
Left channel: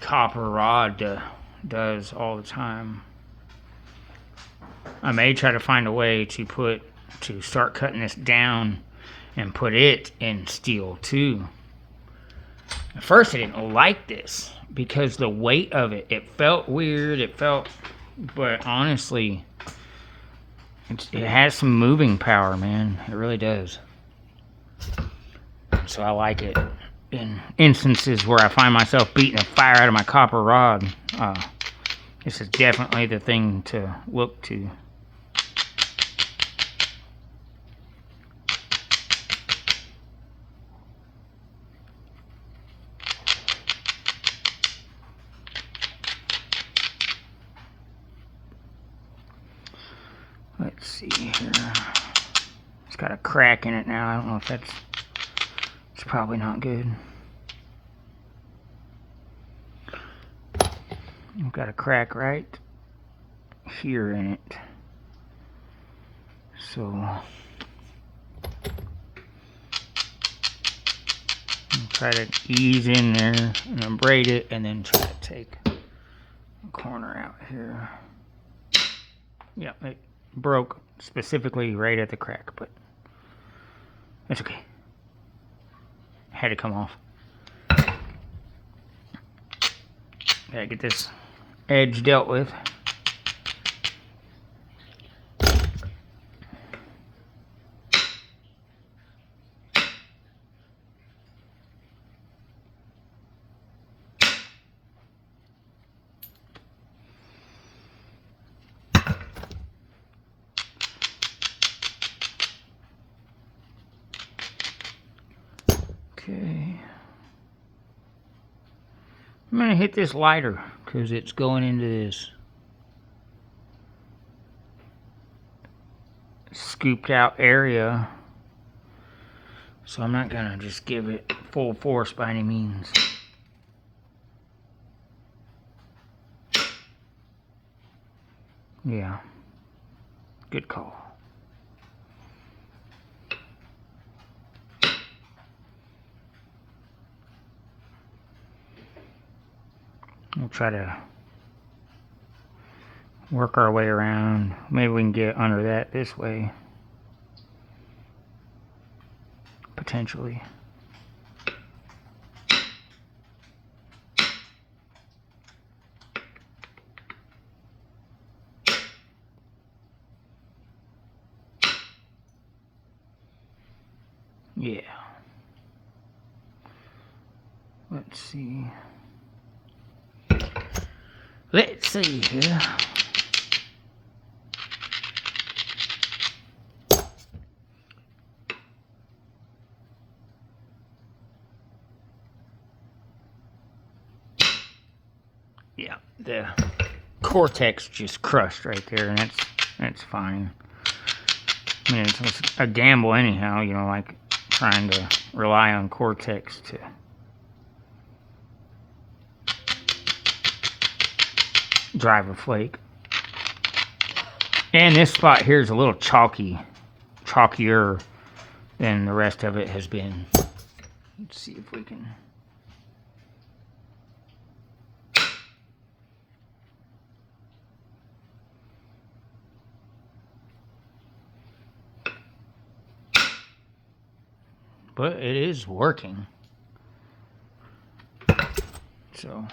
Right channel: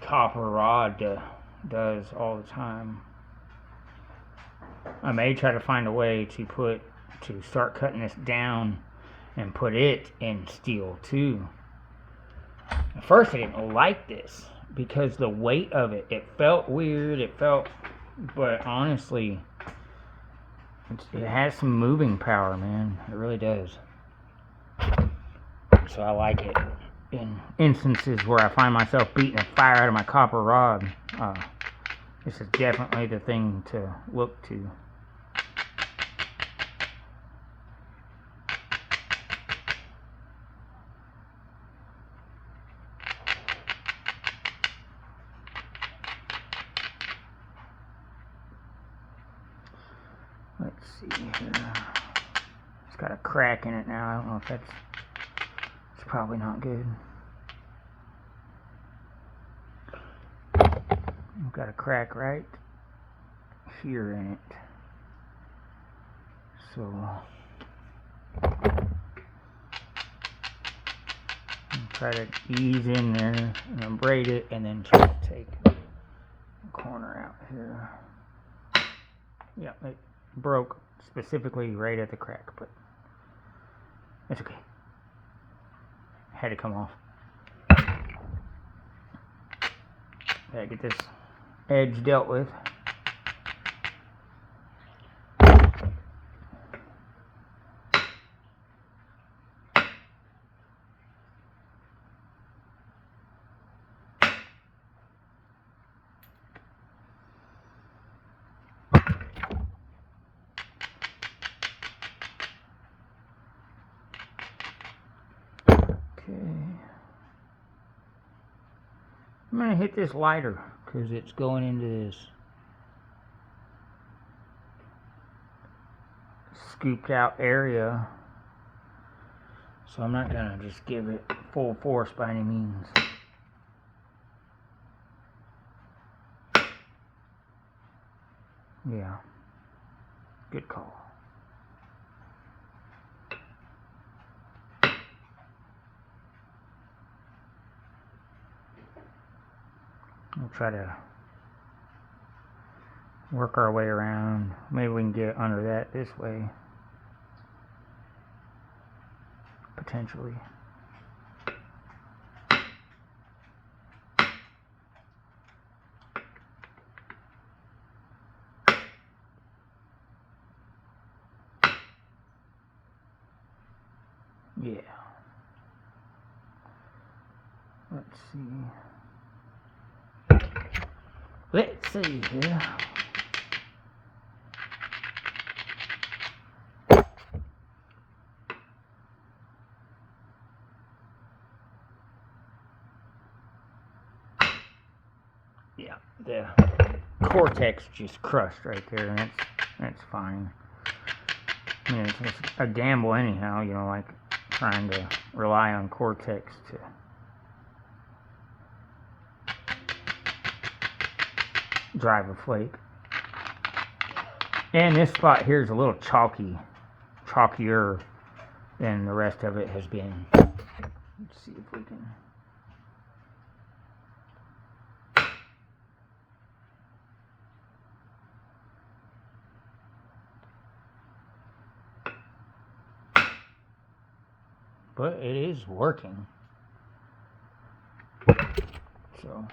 copper rod does all the time. I may try to find a way to start cutting this down and put it in steel too. At first I didn't like this because the weight of it felt weird, but honestly, it has some moving power, man. It really does. So I like it. In instances where I find myself beating the fire out of my copper rod, this is definitely the thing to look to. see here. It's got a crack in it now. I don't know if it's probably not good. I've got a crack right here in it. So try to ease in there and then braid it, and then try to take the corner out here. Yeah, it broke specifically right at the crack, but it's okay. Had to come off. Gotta get this edge dealt with. Okay. I'm going to hit this lighter because it's going into this scooped out area. So I'm not going to just give it full force by any means. Yeah. Good call. We'll try to work our way around. Maybe we can get under that this way. Potentially. Yeah. Let's see. Let's see here. Yeah, the cortex just crushed right there, and that's fine. I mean, it's a gamble anyhow, you know, like trying to rely on cortex to drive a flake. And this spot here is a little chalkier than the rest of it has been. Let's see if we can. But it is working. So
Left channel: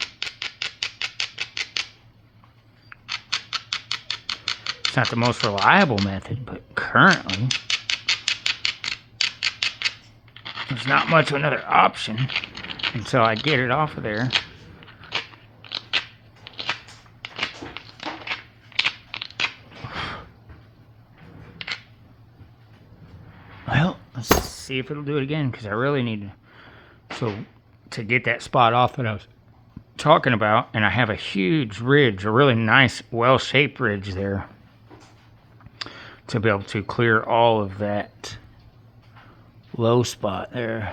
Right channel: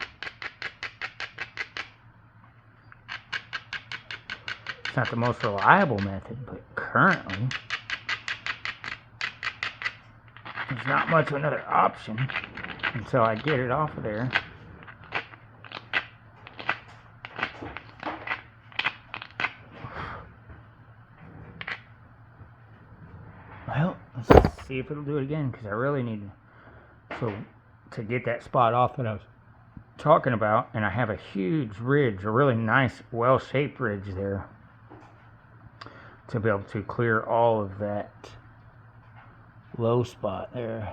it's not the most reliable method, but currently there's not much of another option until I get it off of there. Well, let's see if it'll do it again, because I really need to get that spot off that I was talking about, and I have a huge ridge, a really nice well-shaped ridge there, to be able to clear all of that low spot there.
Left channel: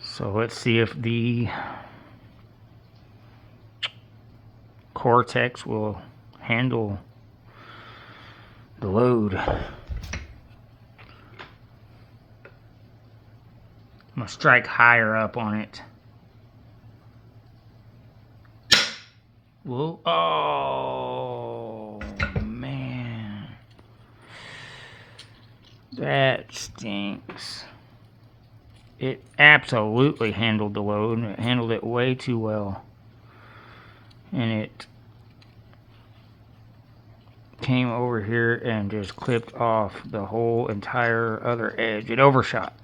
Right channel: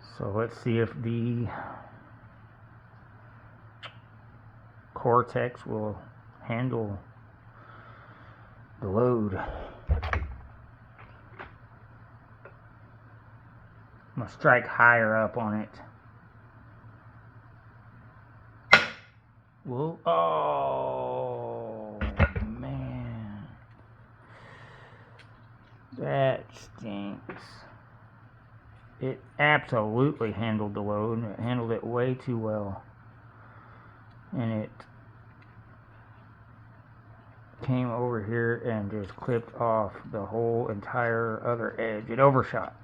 So let's see if the cortex will handle the load. I'm gonna strike higher up on it. Whoa. Oh man, that stinks. It absolutely handled the load. It handled it way too well, and it came over here and just clipped off the whole entire other edge. It overshot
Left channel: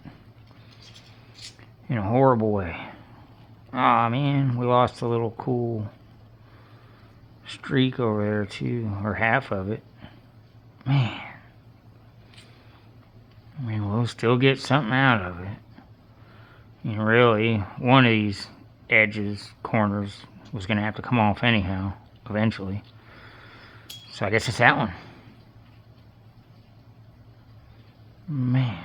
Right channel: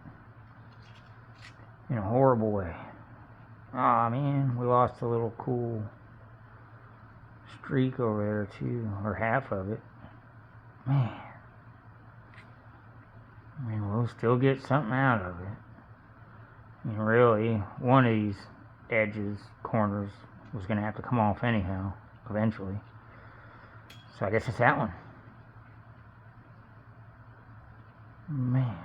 in a horrible way. Aw, man, we lost a little cool streak over there too, or half of it. Man, I mean, we'll still get something out of it. I mean, really, one of these edges, corners, was going to have to come off anyhow, eventually. So I guess it's that one. Man.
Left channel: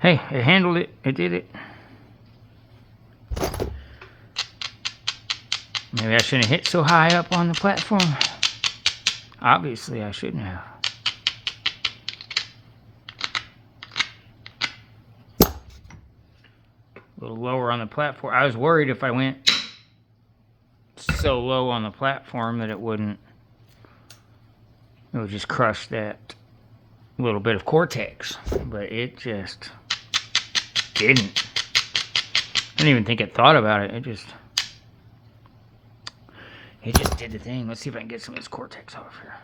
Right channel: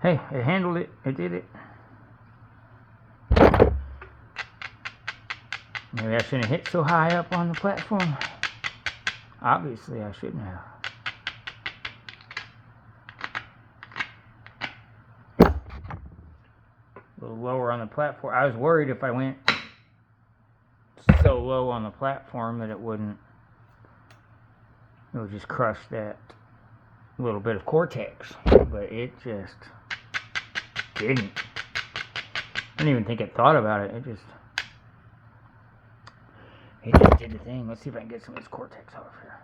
Hey, it handled it. It did it. Maybe I shouldn't have hit so high up on the platform. Obviously, I shouldn't have. A little lower on the platform. I was worried if I went so low on the platform that it would just crush that little bit of cortex. But it just didn't. I didn't even think it thought about it. It just did the thing. Let's see if I can get some of this cortex off here.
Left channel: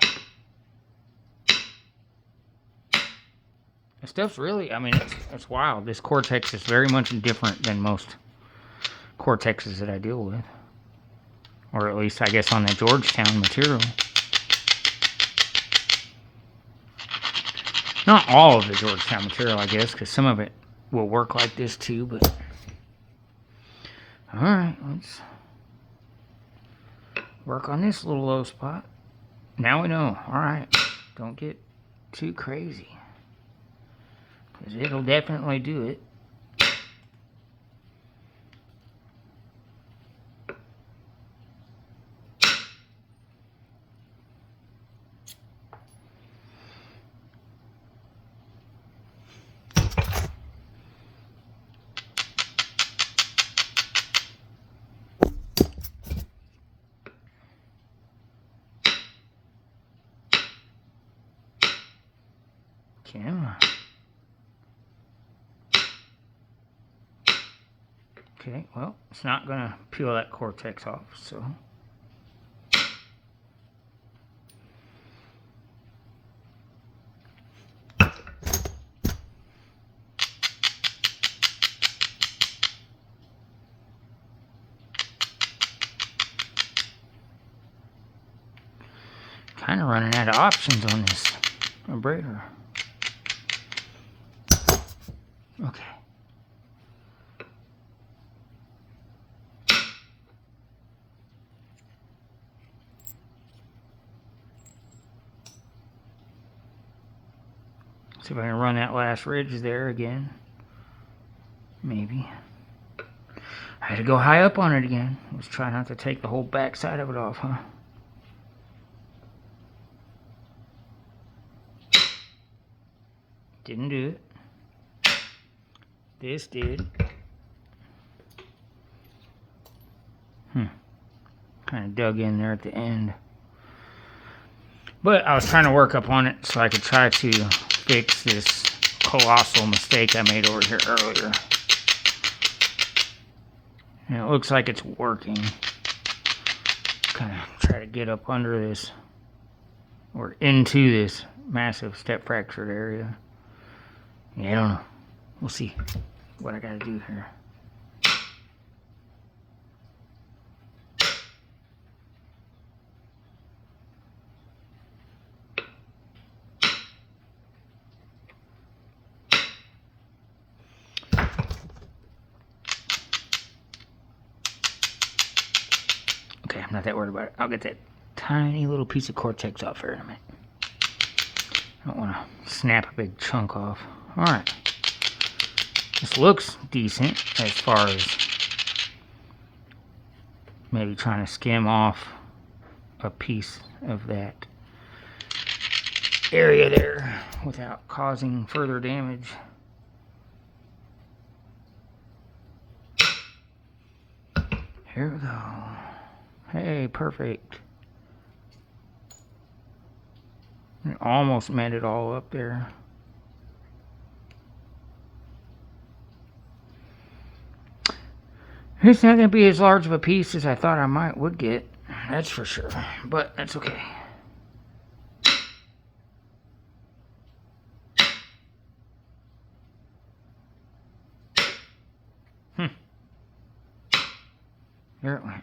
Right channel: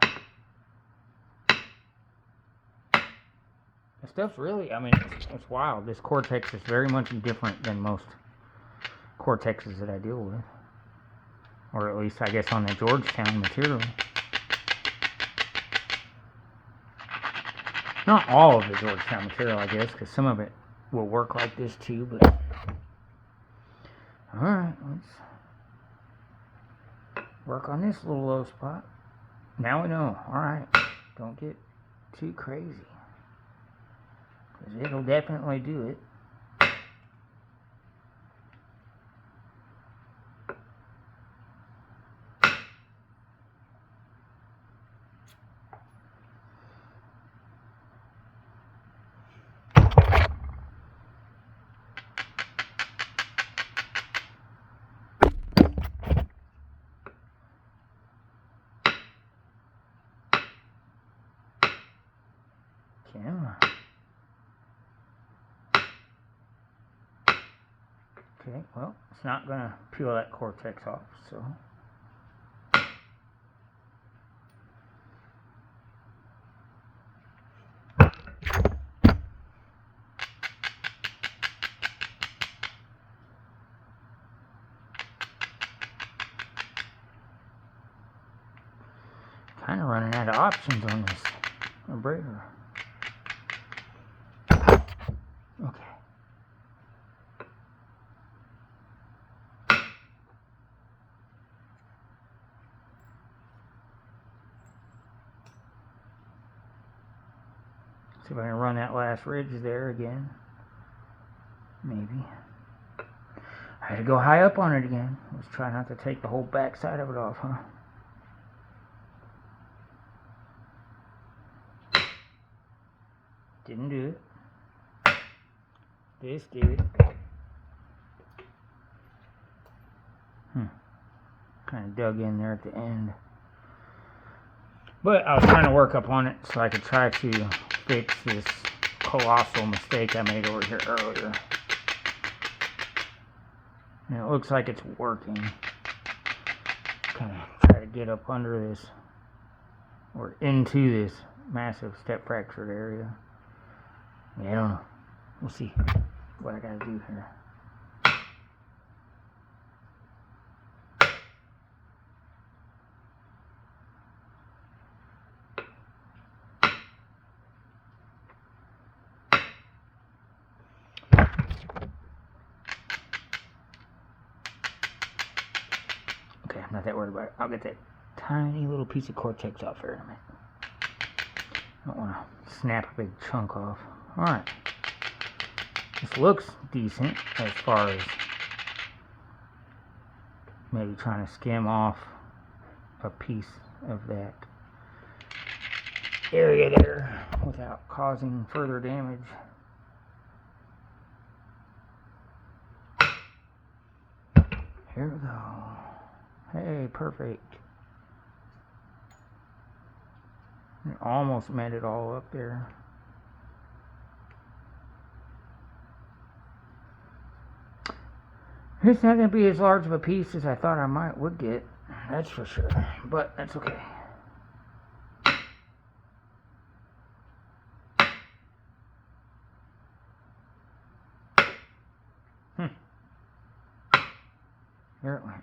This stuff's really, I mean, it's wild. This cortex is very much different than most cortexes that I deal with. Or at least, I guess, on the Georgetown material. Not all of the Georgetown material, I guess, because some of it will work like this too, but... Alright, let's work on this little low spot. Now we know. Alright, don't get too crazy, because it'll definitely do it. Camera. Okay, well, it's not going to peel that cortex off, so... Kind of running out of options on this abrader. Okay. See if I can run that last ridge there again. Maybe. I had to go high up on it again. Let's try not to take the whole back side of it off, huh? Didn't do it. This did. Kind of dug in there at the end. But I was trying to work up on it so I could try to fix this colossal mistake I made over here earlier. And it looks like it's working. Kind of try to get up under this, or into this massive step fractured area. Yeah, I don't know. We'll see what I gotta do here. Okay, I'm not that worried about it. I'll get that tiny little piece of cortex off here in a minute. I don't want to snap a big chunk off. Alright. This looks decent as far as maybe trying to skim off a piece of that area there without causing further damage. Here we go. Hey, perfect. It almost made it all up there. It's not going to be as large of a piece as I thought I would get. That's for sure. But that's okay. There it went.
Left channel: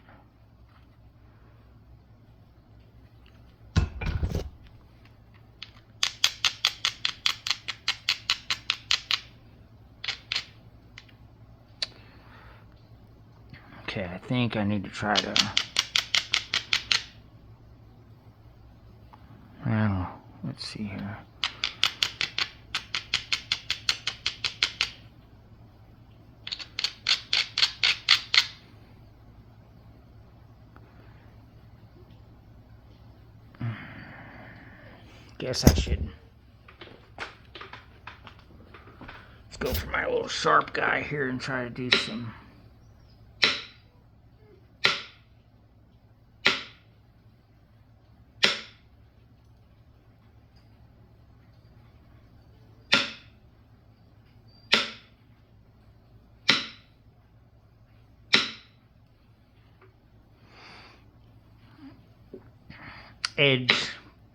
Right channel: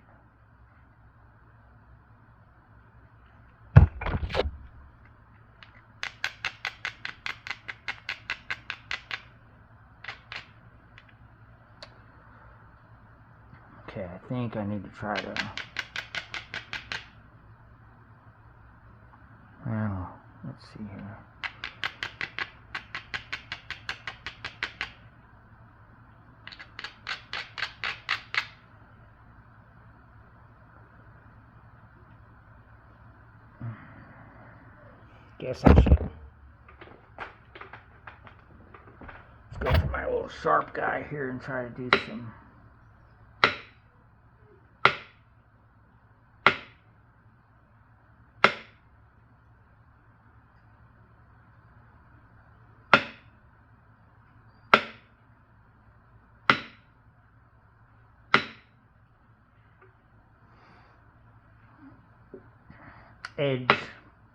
Okay, I think I need to try to Let's see here. Guess I should. Let's go for my little sharp guy here and try to do some.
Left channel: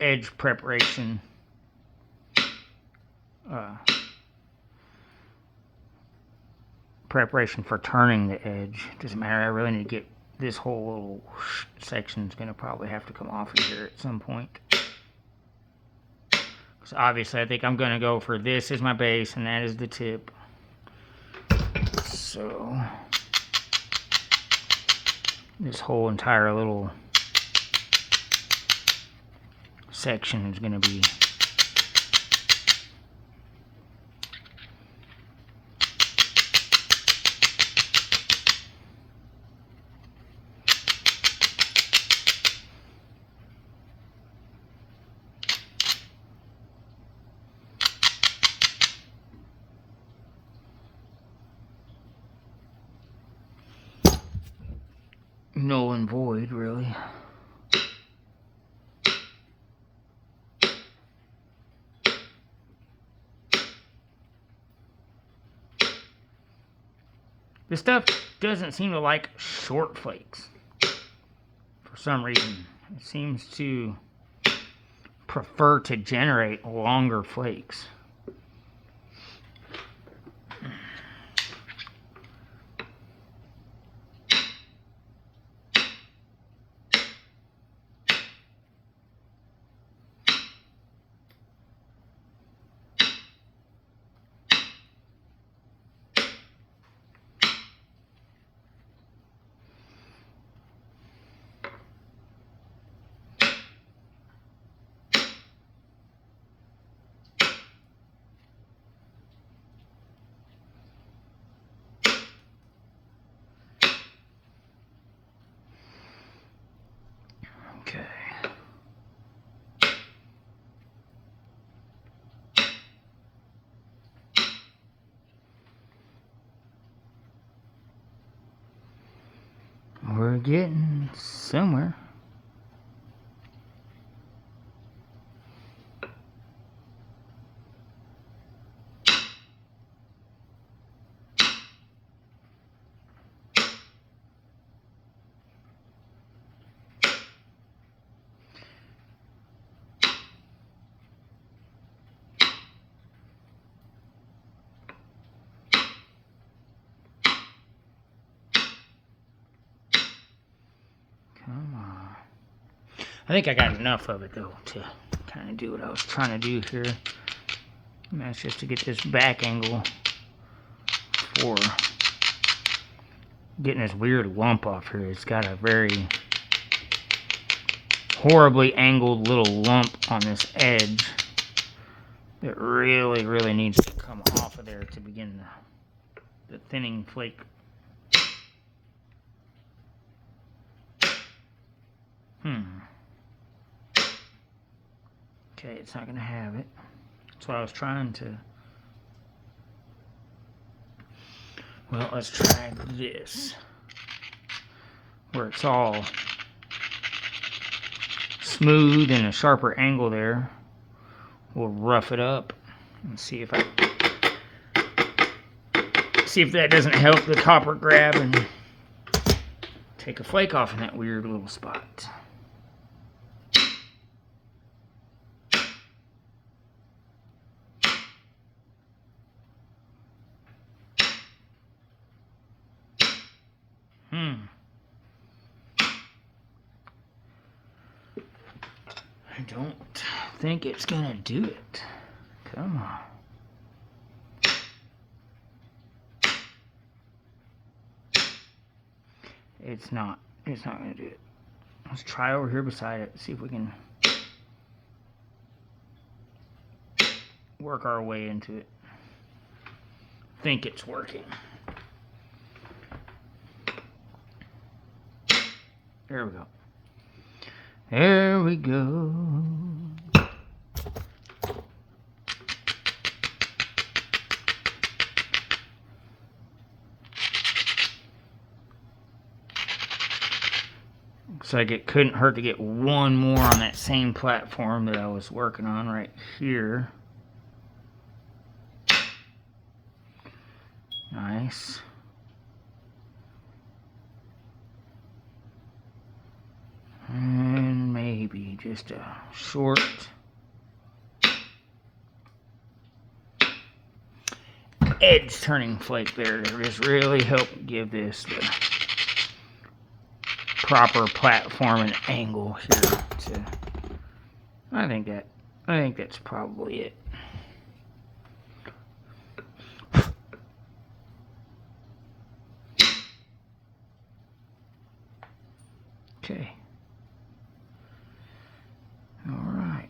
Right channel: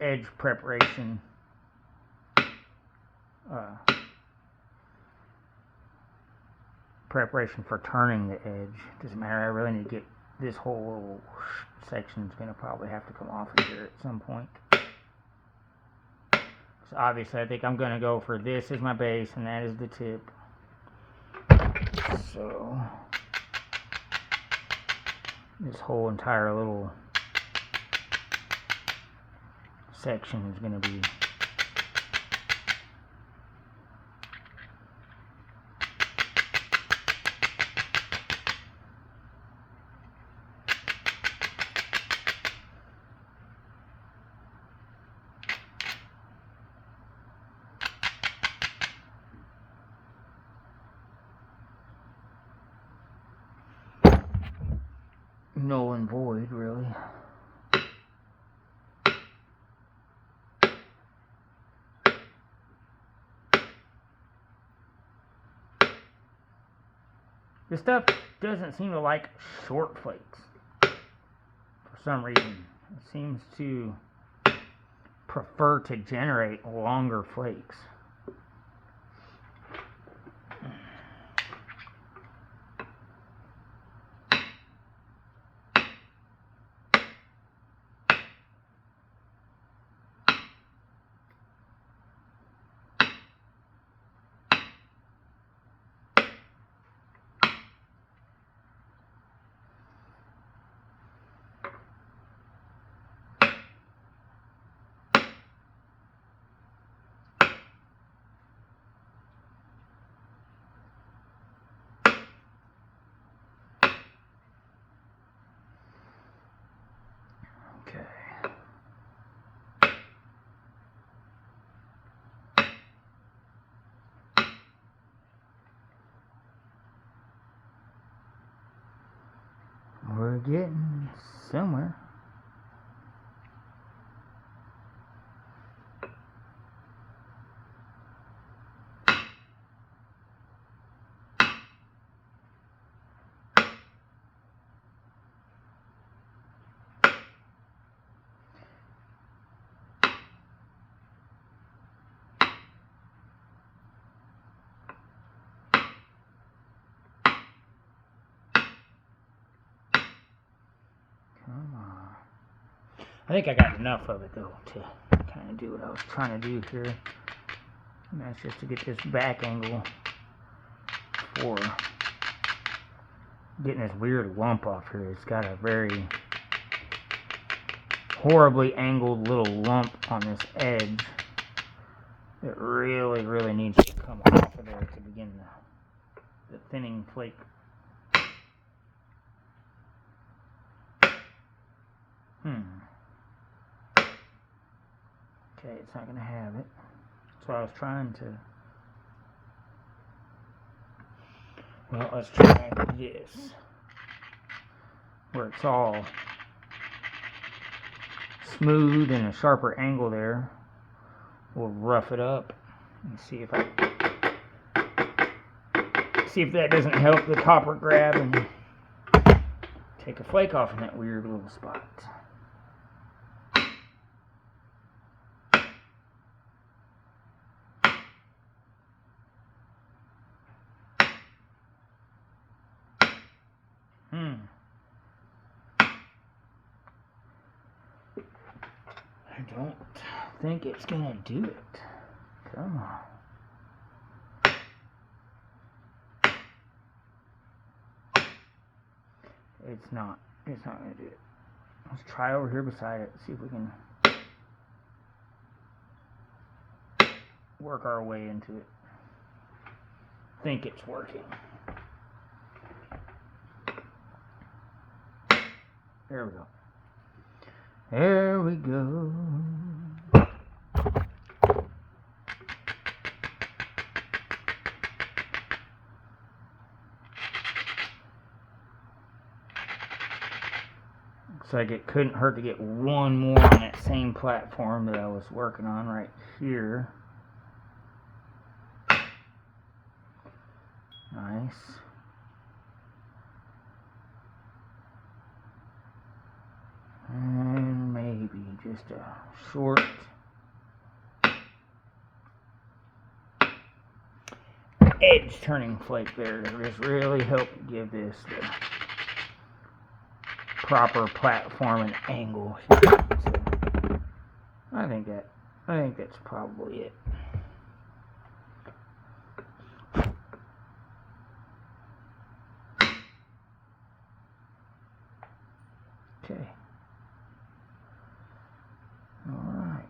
Edge preparation. Preparation for turning the edge. Doesn't matter. I really need to get this whole little section is going to probably have to come off of here at some point. So obviously I think I'm going to go for this as my base and that is the tip. So this whole entire little section is going to be null and void, really. This stuff doesn't seem to like short flakes for some reason. It seems to prefer to generate longer flakes. Okay. We're getting somewhere. I think I got enough of it though to kind of do what I was trying to do here. And that's just to get this back angle for getting this weird lump off here. It's got a very horribly angled little lump on this edge that really needs to come off of there to begin the thinning flake. Okay, it's not going to have it. That's what I was trying to. Well, let's try this. Where it's all smooth and a sharper angle there. We'll rough it up and see if that doesn't help the copper grab and take a flake off in that weird little spot. I don't think it's gonna do it. Come on. It's not gonna do it. Let's try over here beside it, see if we can. work our way into it. Think it's working. There we go. There we go. Looks like it couldn't hurt to get one more on that same platform that I was working on right here. Nice. And maybe just a short edge turning flake there to just really help give this the proper platform and angle here. So I think that's probably it. Okay. All right.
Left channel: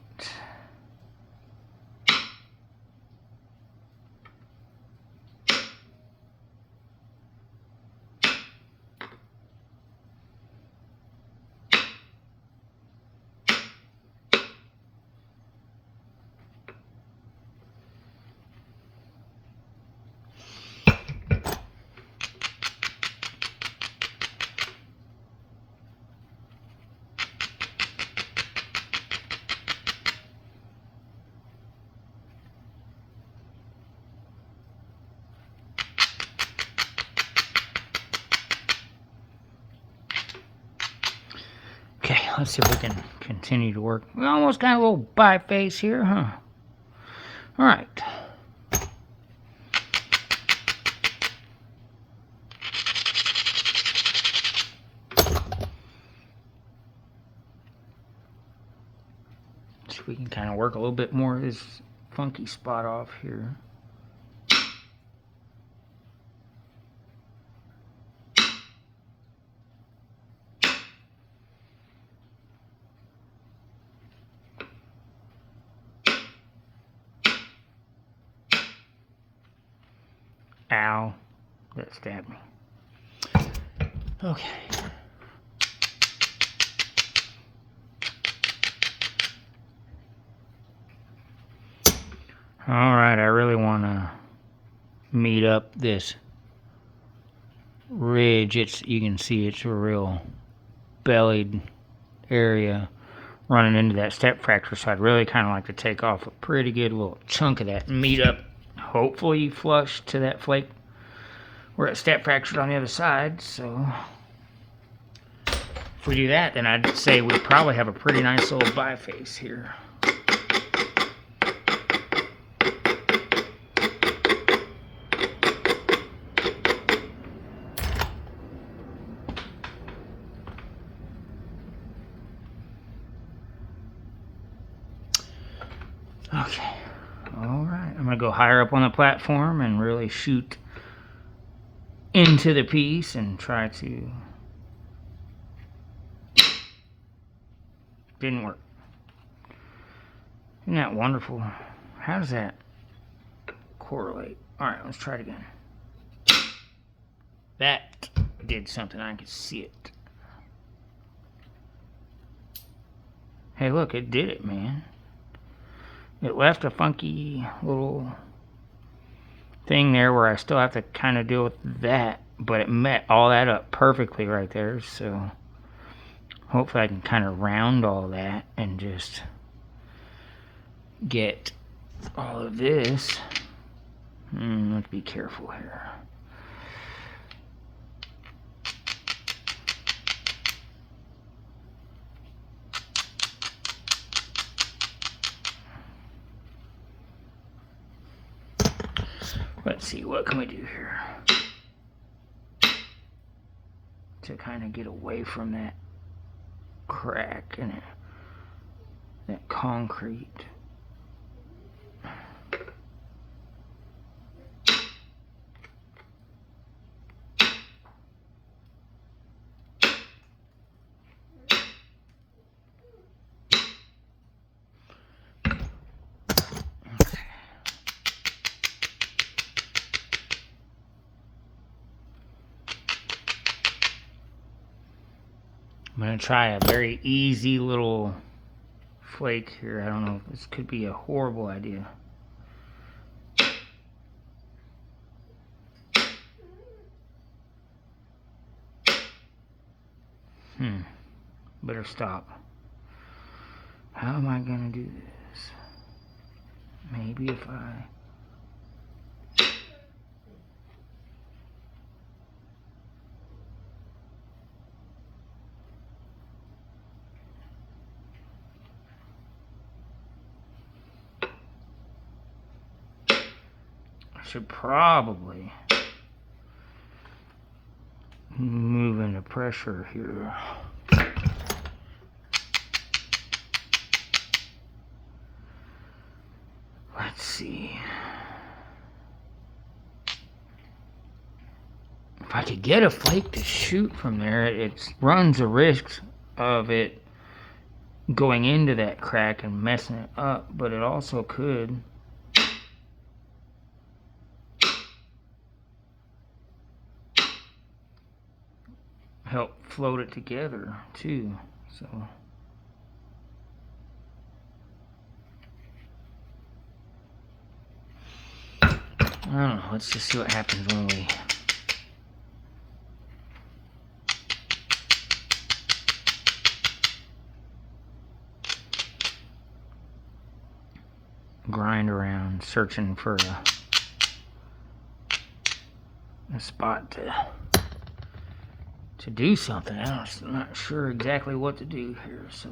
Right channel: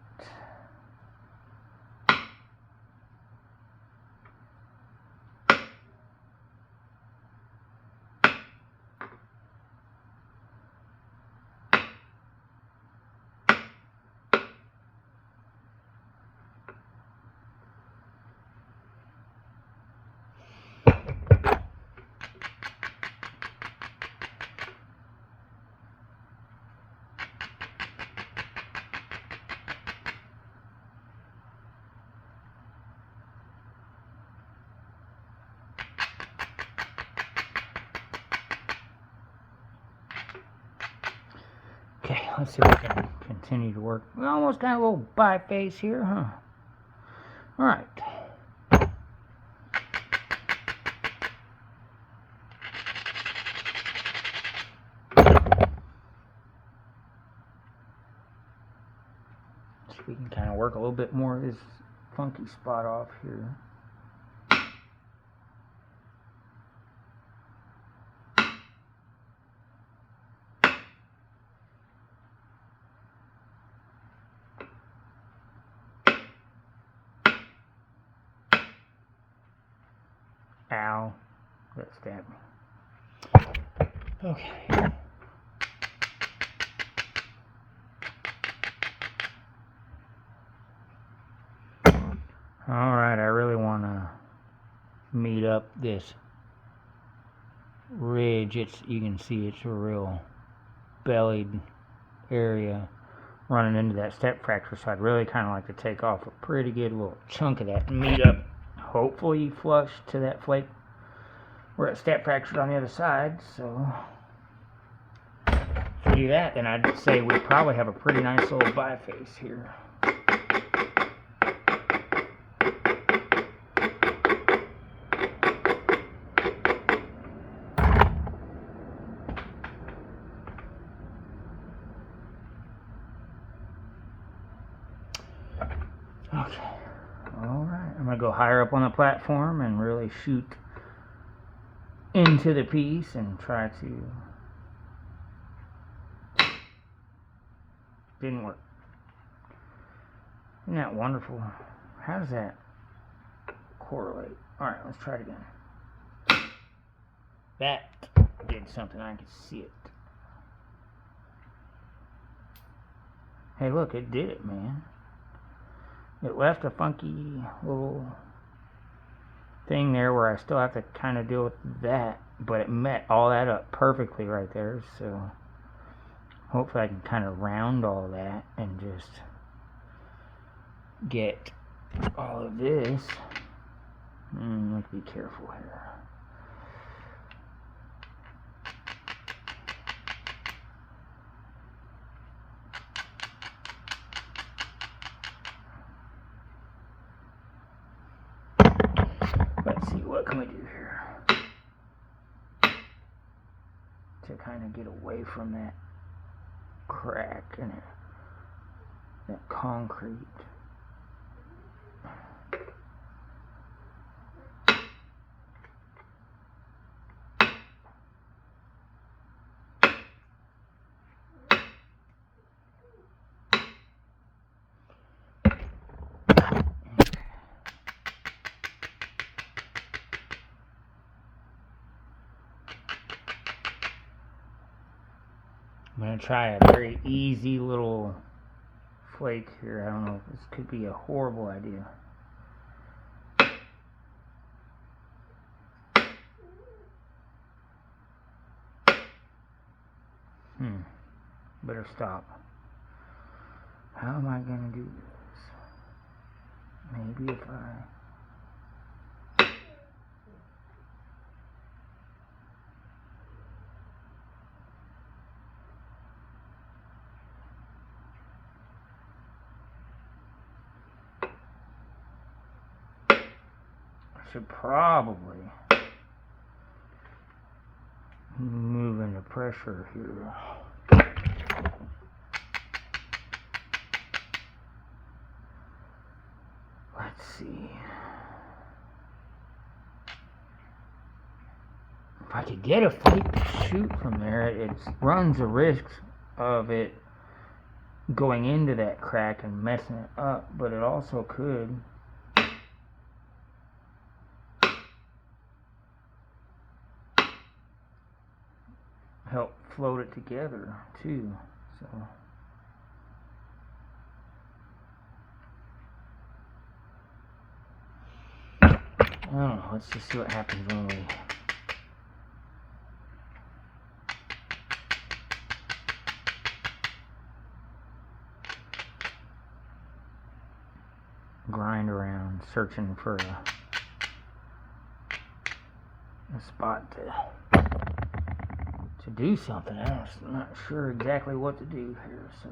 Okay, let's see if we can continue to work. We almost got a little biface here, huh? All right. So we can kind of work a little bit more of this funky spot off here. Ow, that stabbed me. Okay. All right, I really want to meet up this ridge. You can see it's a real bellied area running into that step fracture, so I'd really kind of like to take off a pretty good little chunk of that and meet up, hopefully flush to that flake where it step fractured on the other side. So if we do that, then I'd say we probably have a pretty nice little biface here. Okay, all right, I'm gonna go higher up on the platform and really shoot into the piece and try to... Didn't work. Isn't that wonderful? How does that correlate? All right, let's try it again. That did something. I could see it. Hey, look, it did it, man. It left a funky little thing there where I still have to kind of deal with that, but it met all that up perfectly right there. So hopefully I can kind of round all that and just get all of this. Let's be careful here. Let's see, what can we do here to kind of get away from that crack and that concrete. I'm going to try a very easy little flake here. I don't know, this could be a horrible idea. Better stop. How am I going to do this? Maybe if I should probably move into pressure here. Let's see. If I could get a flake to shoot from there, it runs a risk of it going into that crack and messing it up, but it also could help float it together too. So I don't know, let's just see what happens when we grind around searching for a spot to do something. I'm not sure exactly what to do here, so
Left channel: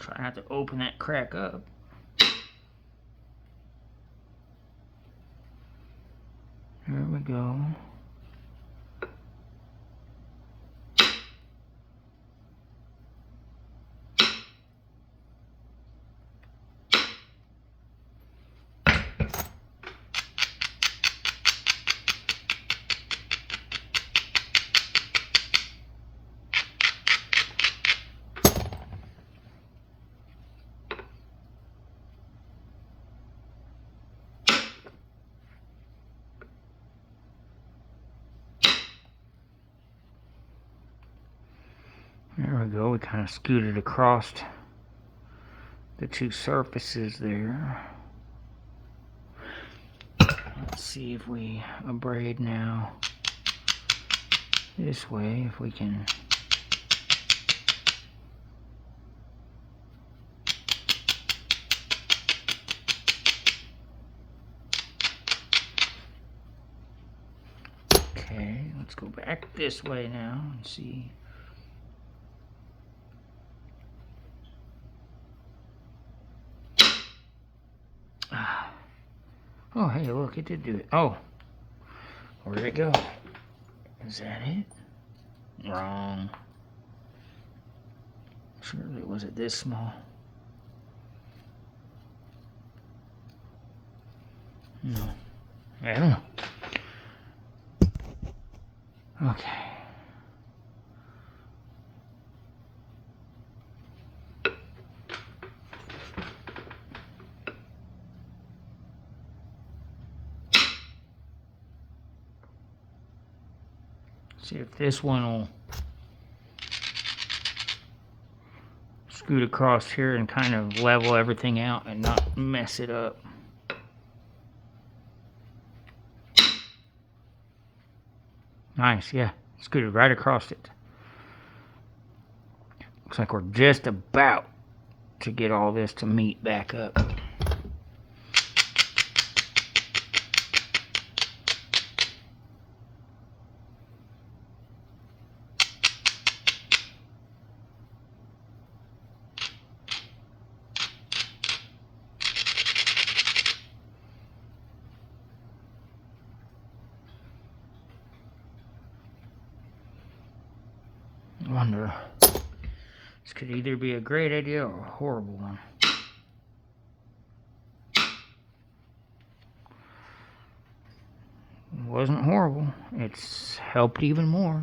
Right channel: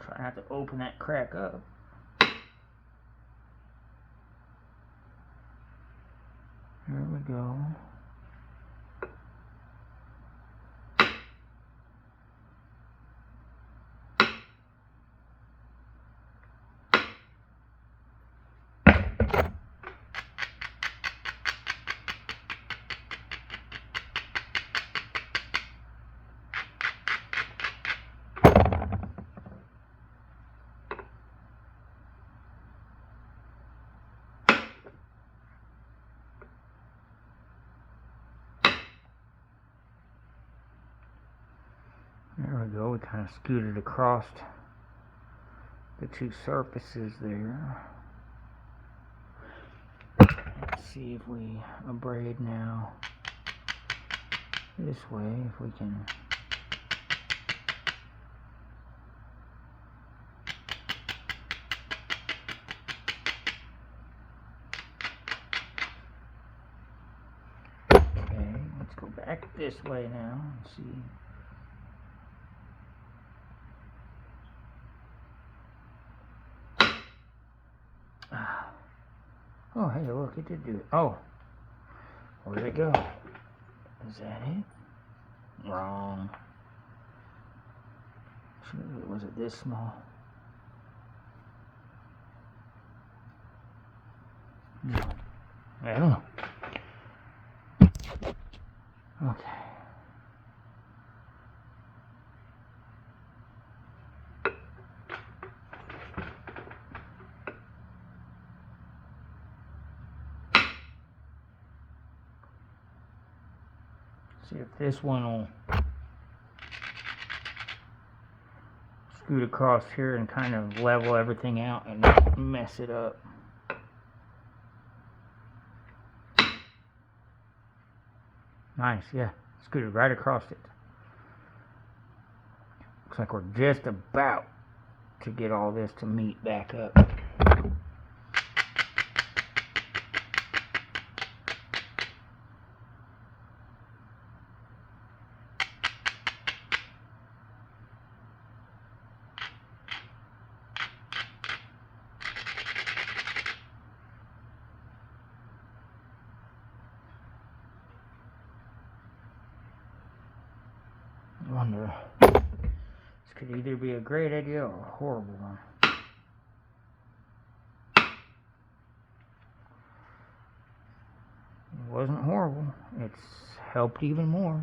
try not to open that crack up. There we go. There we go, we kind of scooted across the two surfaces there. Let's see if we abrade now this way, if we can. Okay, let's go back this way now and see. Oh, hey, look, it did do it. Oh, where did it go? Is that it? Wrong. Surely, was it this small? No. I don't know. Okay. See if this one will scoot across here and kind of level everything out and not mess it up. Nice, yeah, scooted right across it. Looks like we're just about to get all this to meet back up. I wonder. This could either be a great idea or a horrible one. It wasn't horrible. It's helped even more.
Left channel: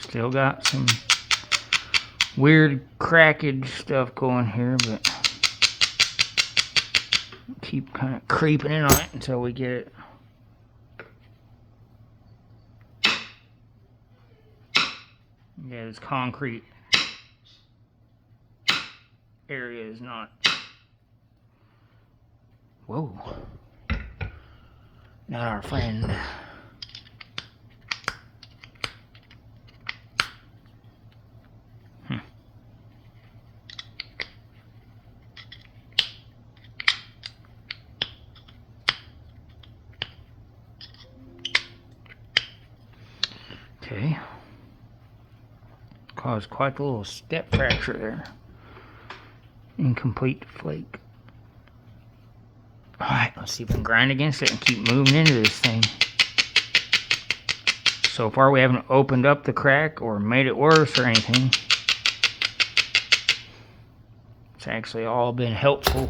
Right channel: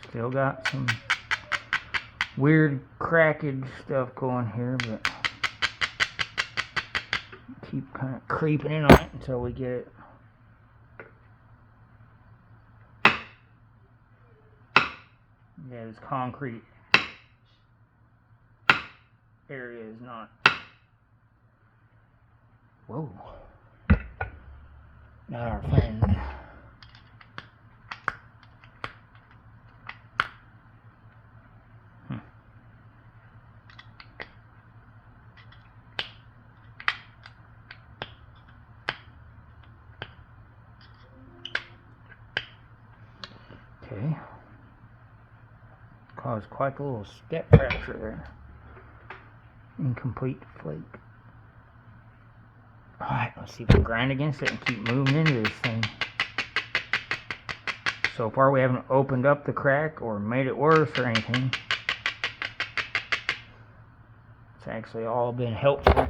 Still got some weird crackage stuff going here, but keep kind of creeping in on it until we get it. Yeah, this concrete area is not. Whoa. Not our friend. Okay. Caused quite a little step fracture there. Incomplete flake. Alright, let's see if we can grind against it and keep moving into this thing. So far we haven't opened up the crack or made it worse or anything. It's actually all been helpful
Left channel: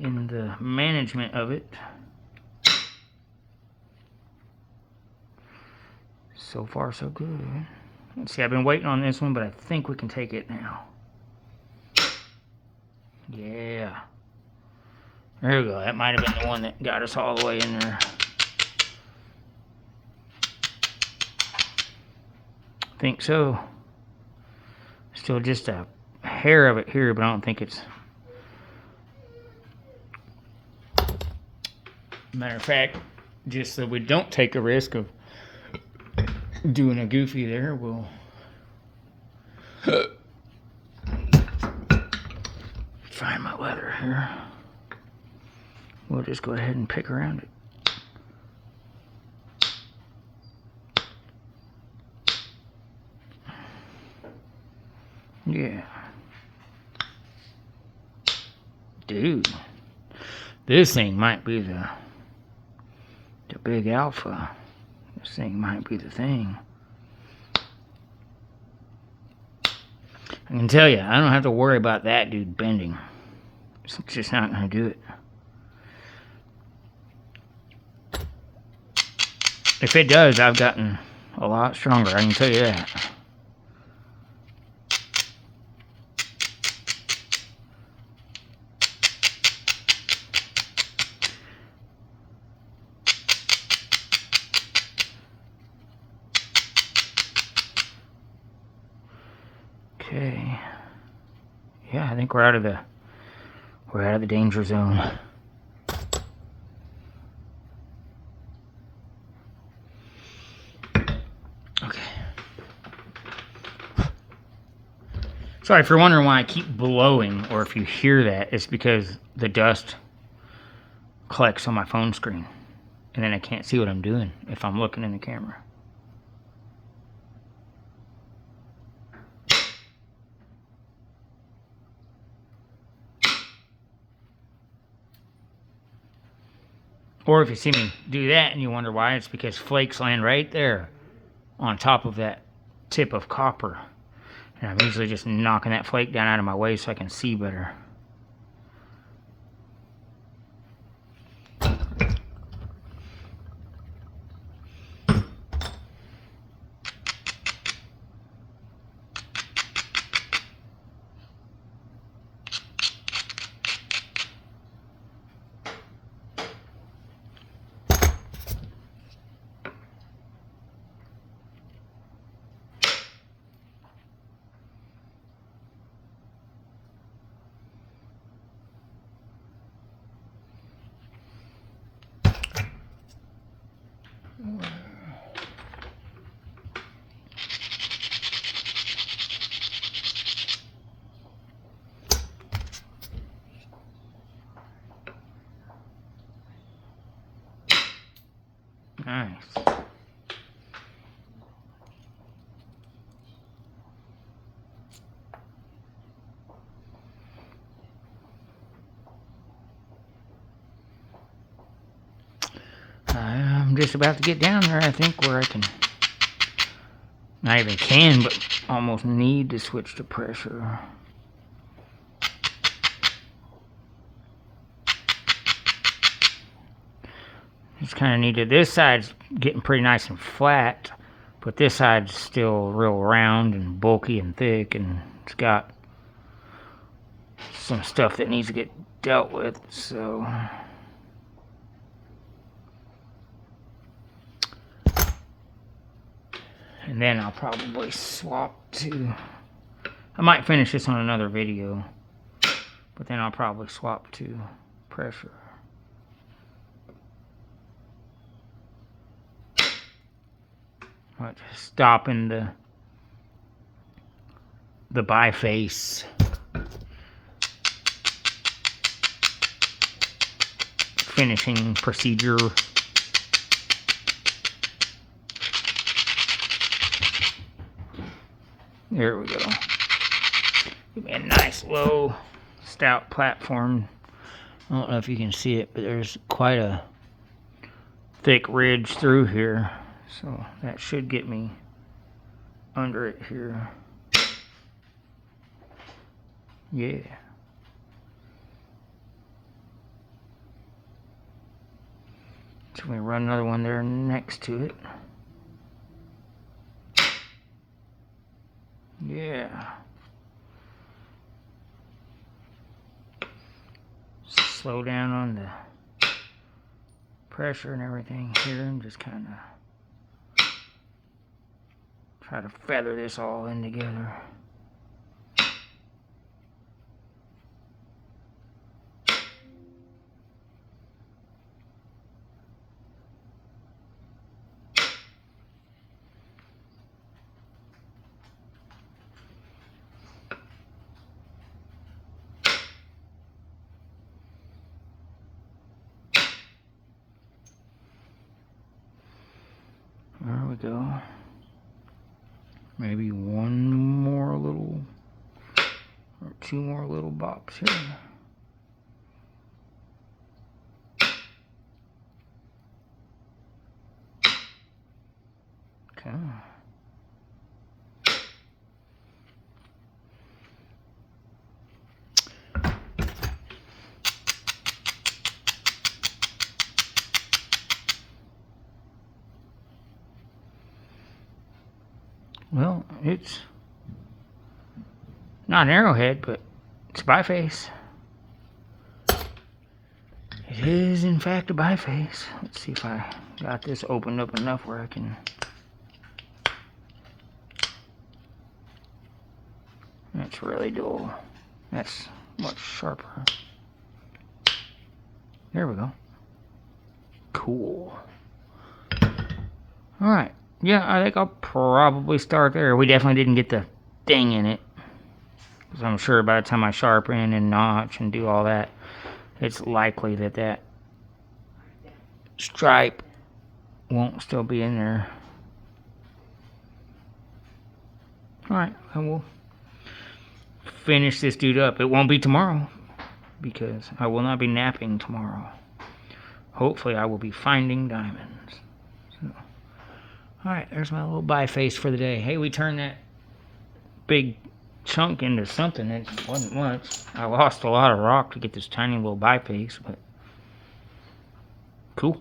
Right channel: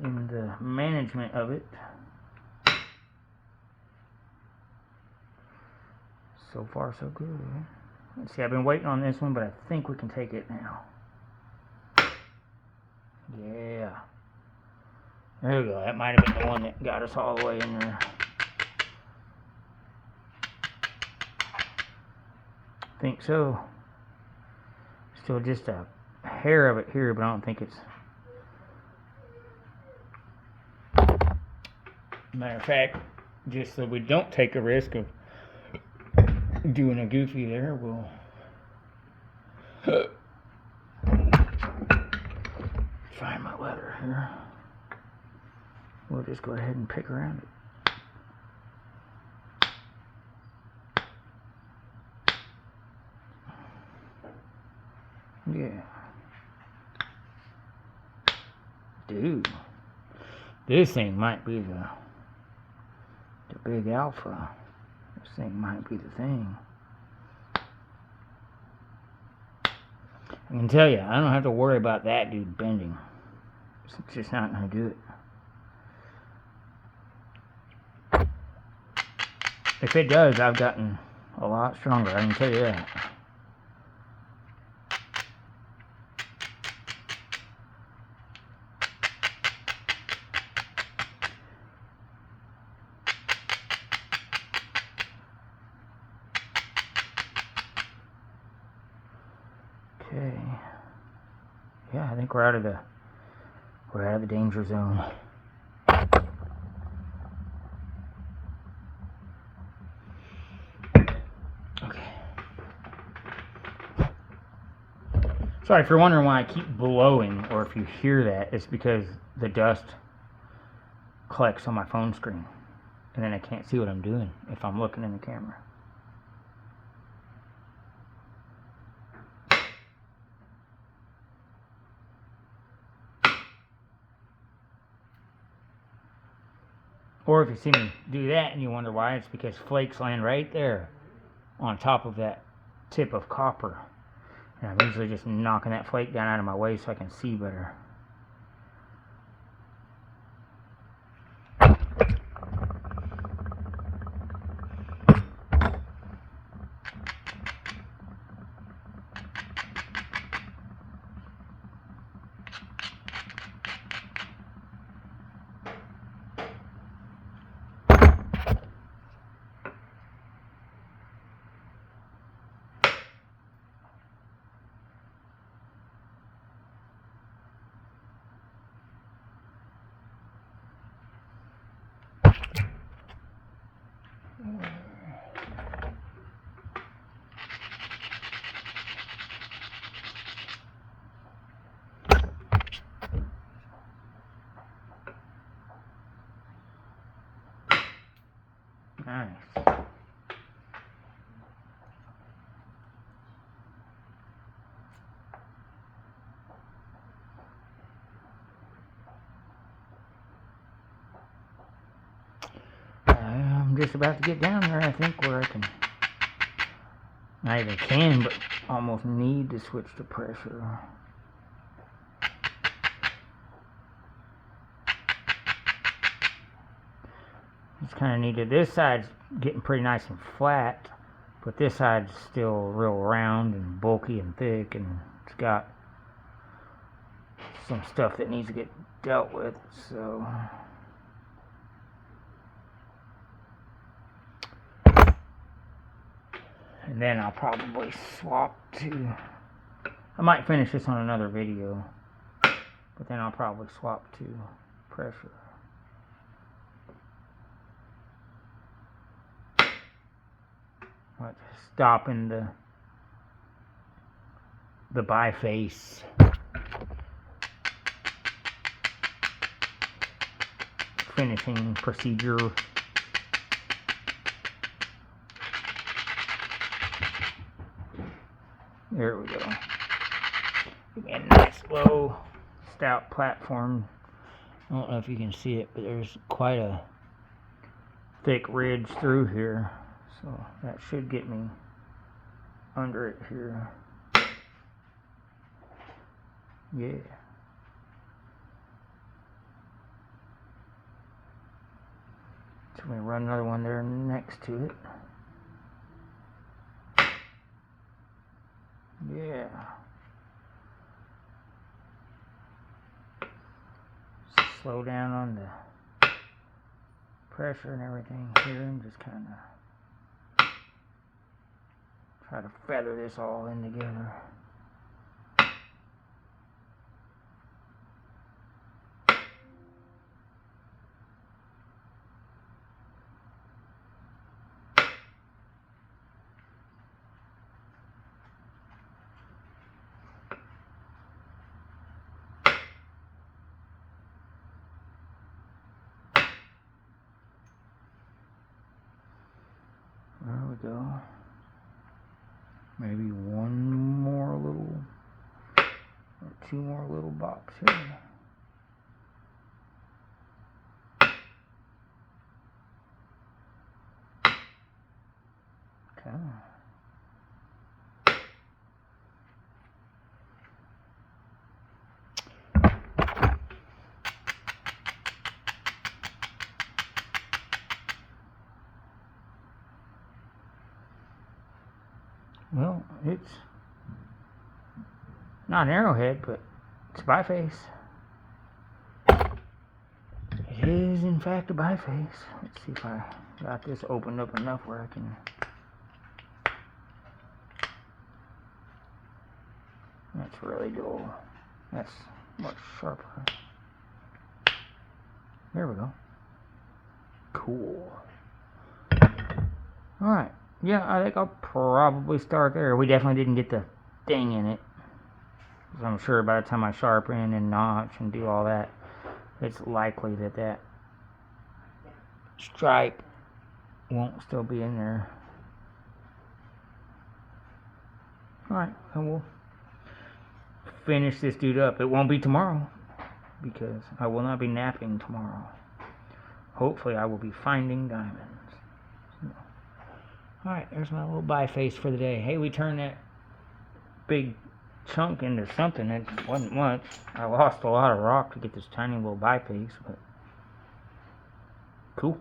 in the management of it. So far so good. Let's see, I've been waiting on this one, but I think we can take it now. Yeah. There we go. That might have been the one that got us all the way in there. I think so. Still just a hair of it here, but I don't think it's... Matter of fact, just so we don't take a risk of doing a goofy there, we'll find my leather here. We'll just go ahead and pick around it. Yeah. Dude. This thing might be the big alpha. This thing might be the thing. I can tell you, I don't have to worry about that dude bending. It's just not going to do it. If it does, I've gotten a lot stronger, I can tell you that. Okay. Yeah, I think we're out of the danger zone. Okay. Sorry for wondering why I keep blowing, or if you hear that, it's because the dust collects on my phone screen, and then I can't see what I'm doing if I'm looking in the camera. Or if you see me do that and you wonder why, it's because flakes land right there on top of that tip of copper. And I'm usually just knocking that flake down out of my way so I can see better. I'm just about to get down there, I think, where I can, not even can, but almost need to switch to pressure. Just kind of needed, this side's getting pretty nice and flat, but this side's still real round and bulky and thick, and it's got some stuff that needs to get dealt with, so. And then I'll probably swap to, I might finish this on another video, but then I'll probably swap to pressure. Right, stopping the biface finishing procedure. There we go. Give me a nice low stout platform. I don't know if you can see it, but there's quite a thick ridge through here. So that should get me under it here. Yeah. So we run another one there next to it. Yeah. Slow down on the pressure and everything here, and just kind of try to feather this all in together. There we go. Maybe one more little, or two more little bops here. Okay. Well, it's not an arrowhead, but it's a biface. It is, in fact, a biface. Let's see if I got this opened up enough where I can. That's really dull. That's much sharper. There we go. Cool. Alright. Yeah, I think I'll probably start there. We definitely didn't get the ding in it. Because I'm sure by the time I sharpen and notch and do all that, it's likely that that stripe won't still be in there. Alright, and we'll finish this dude up. It won't be tomorrow, because I will not be napping tomorrow. Hopefully I will be finding diamonds. So. Alright, there's my little biface for the day. Hey, we turned that big chunk into something that wasn't much. I lost a lot of rock to get this tiny little biface, but cool.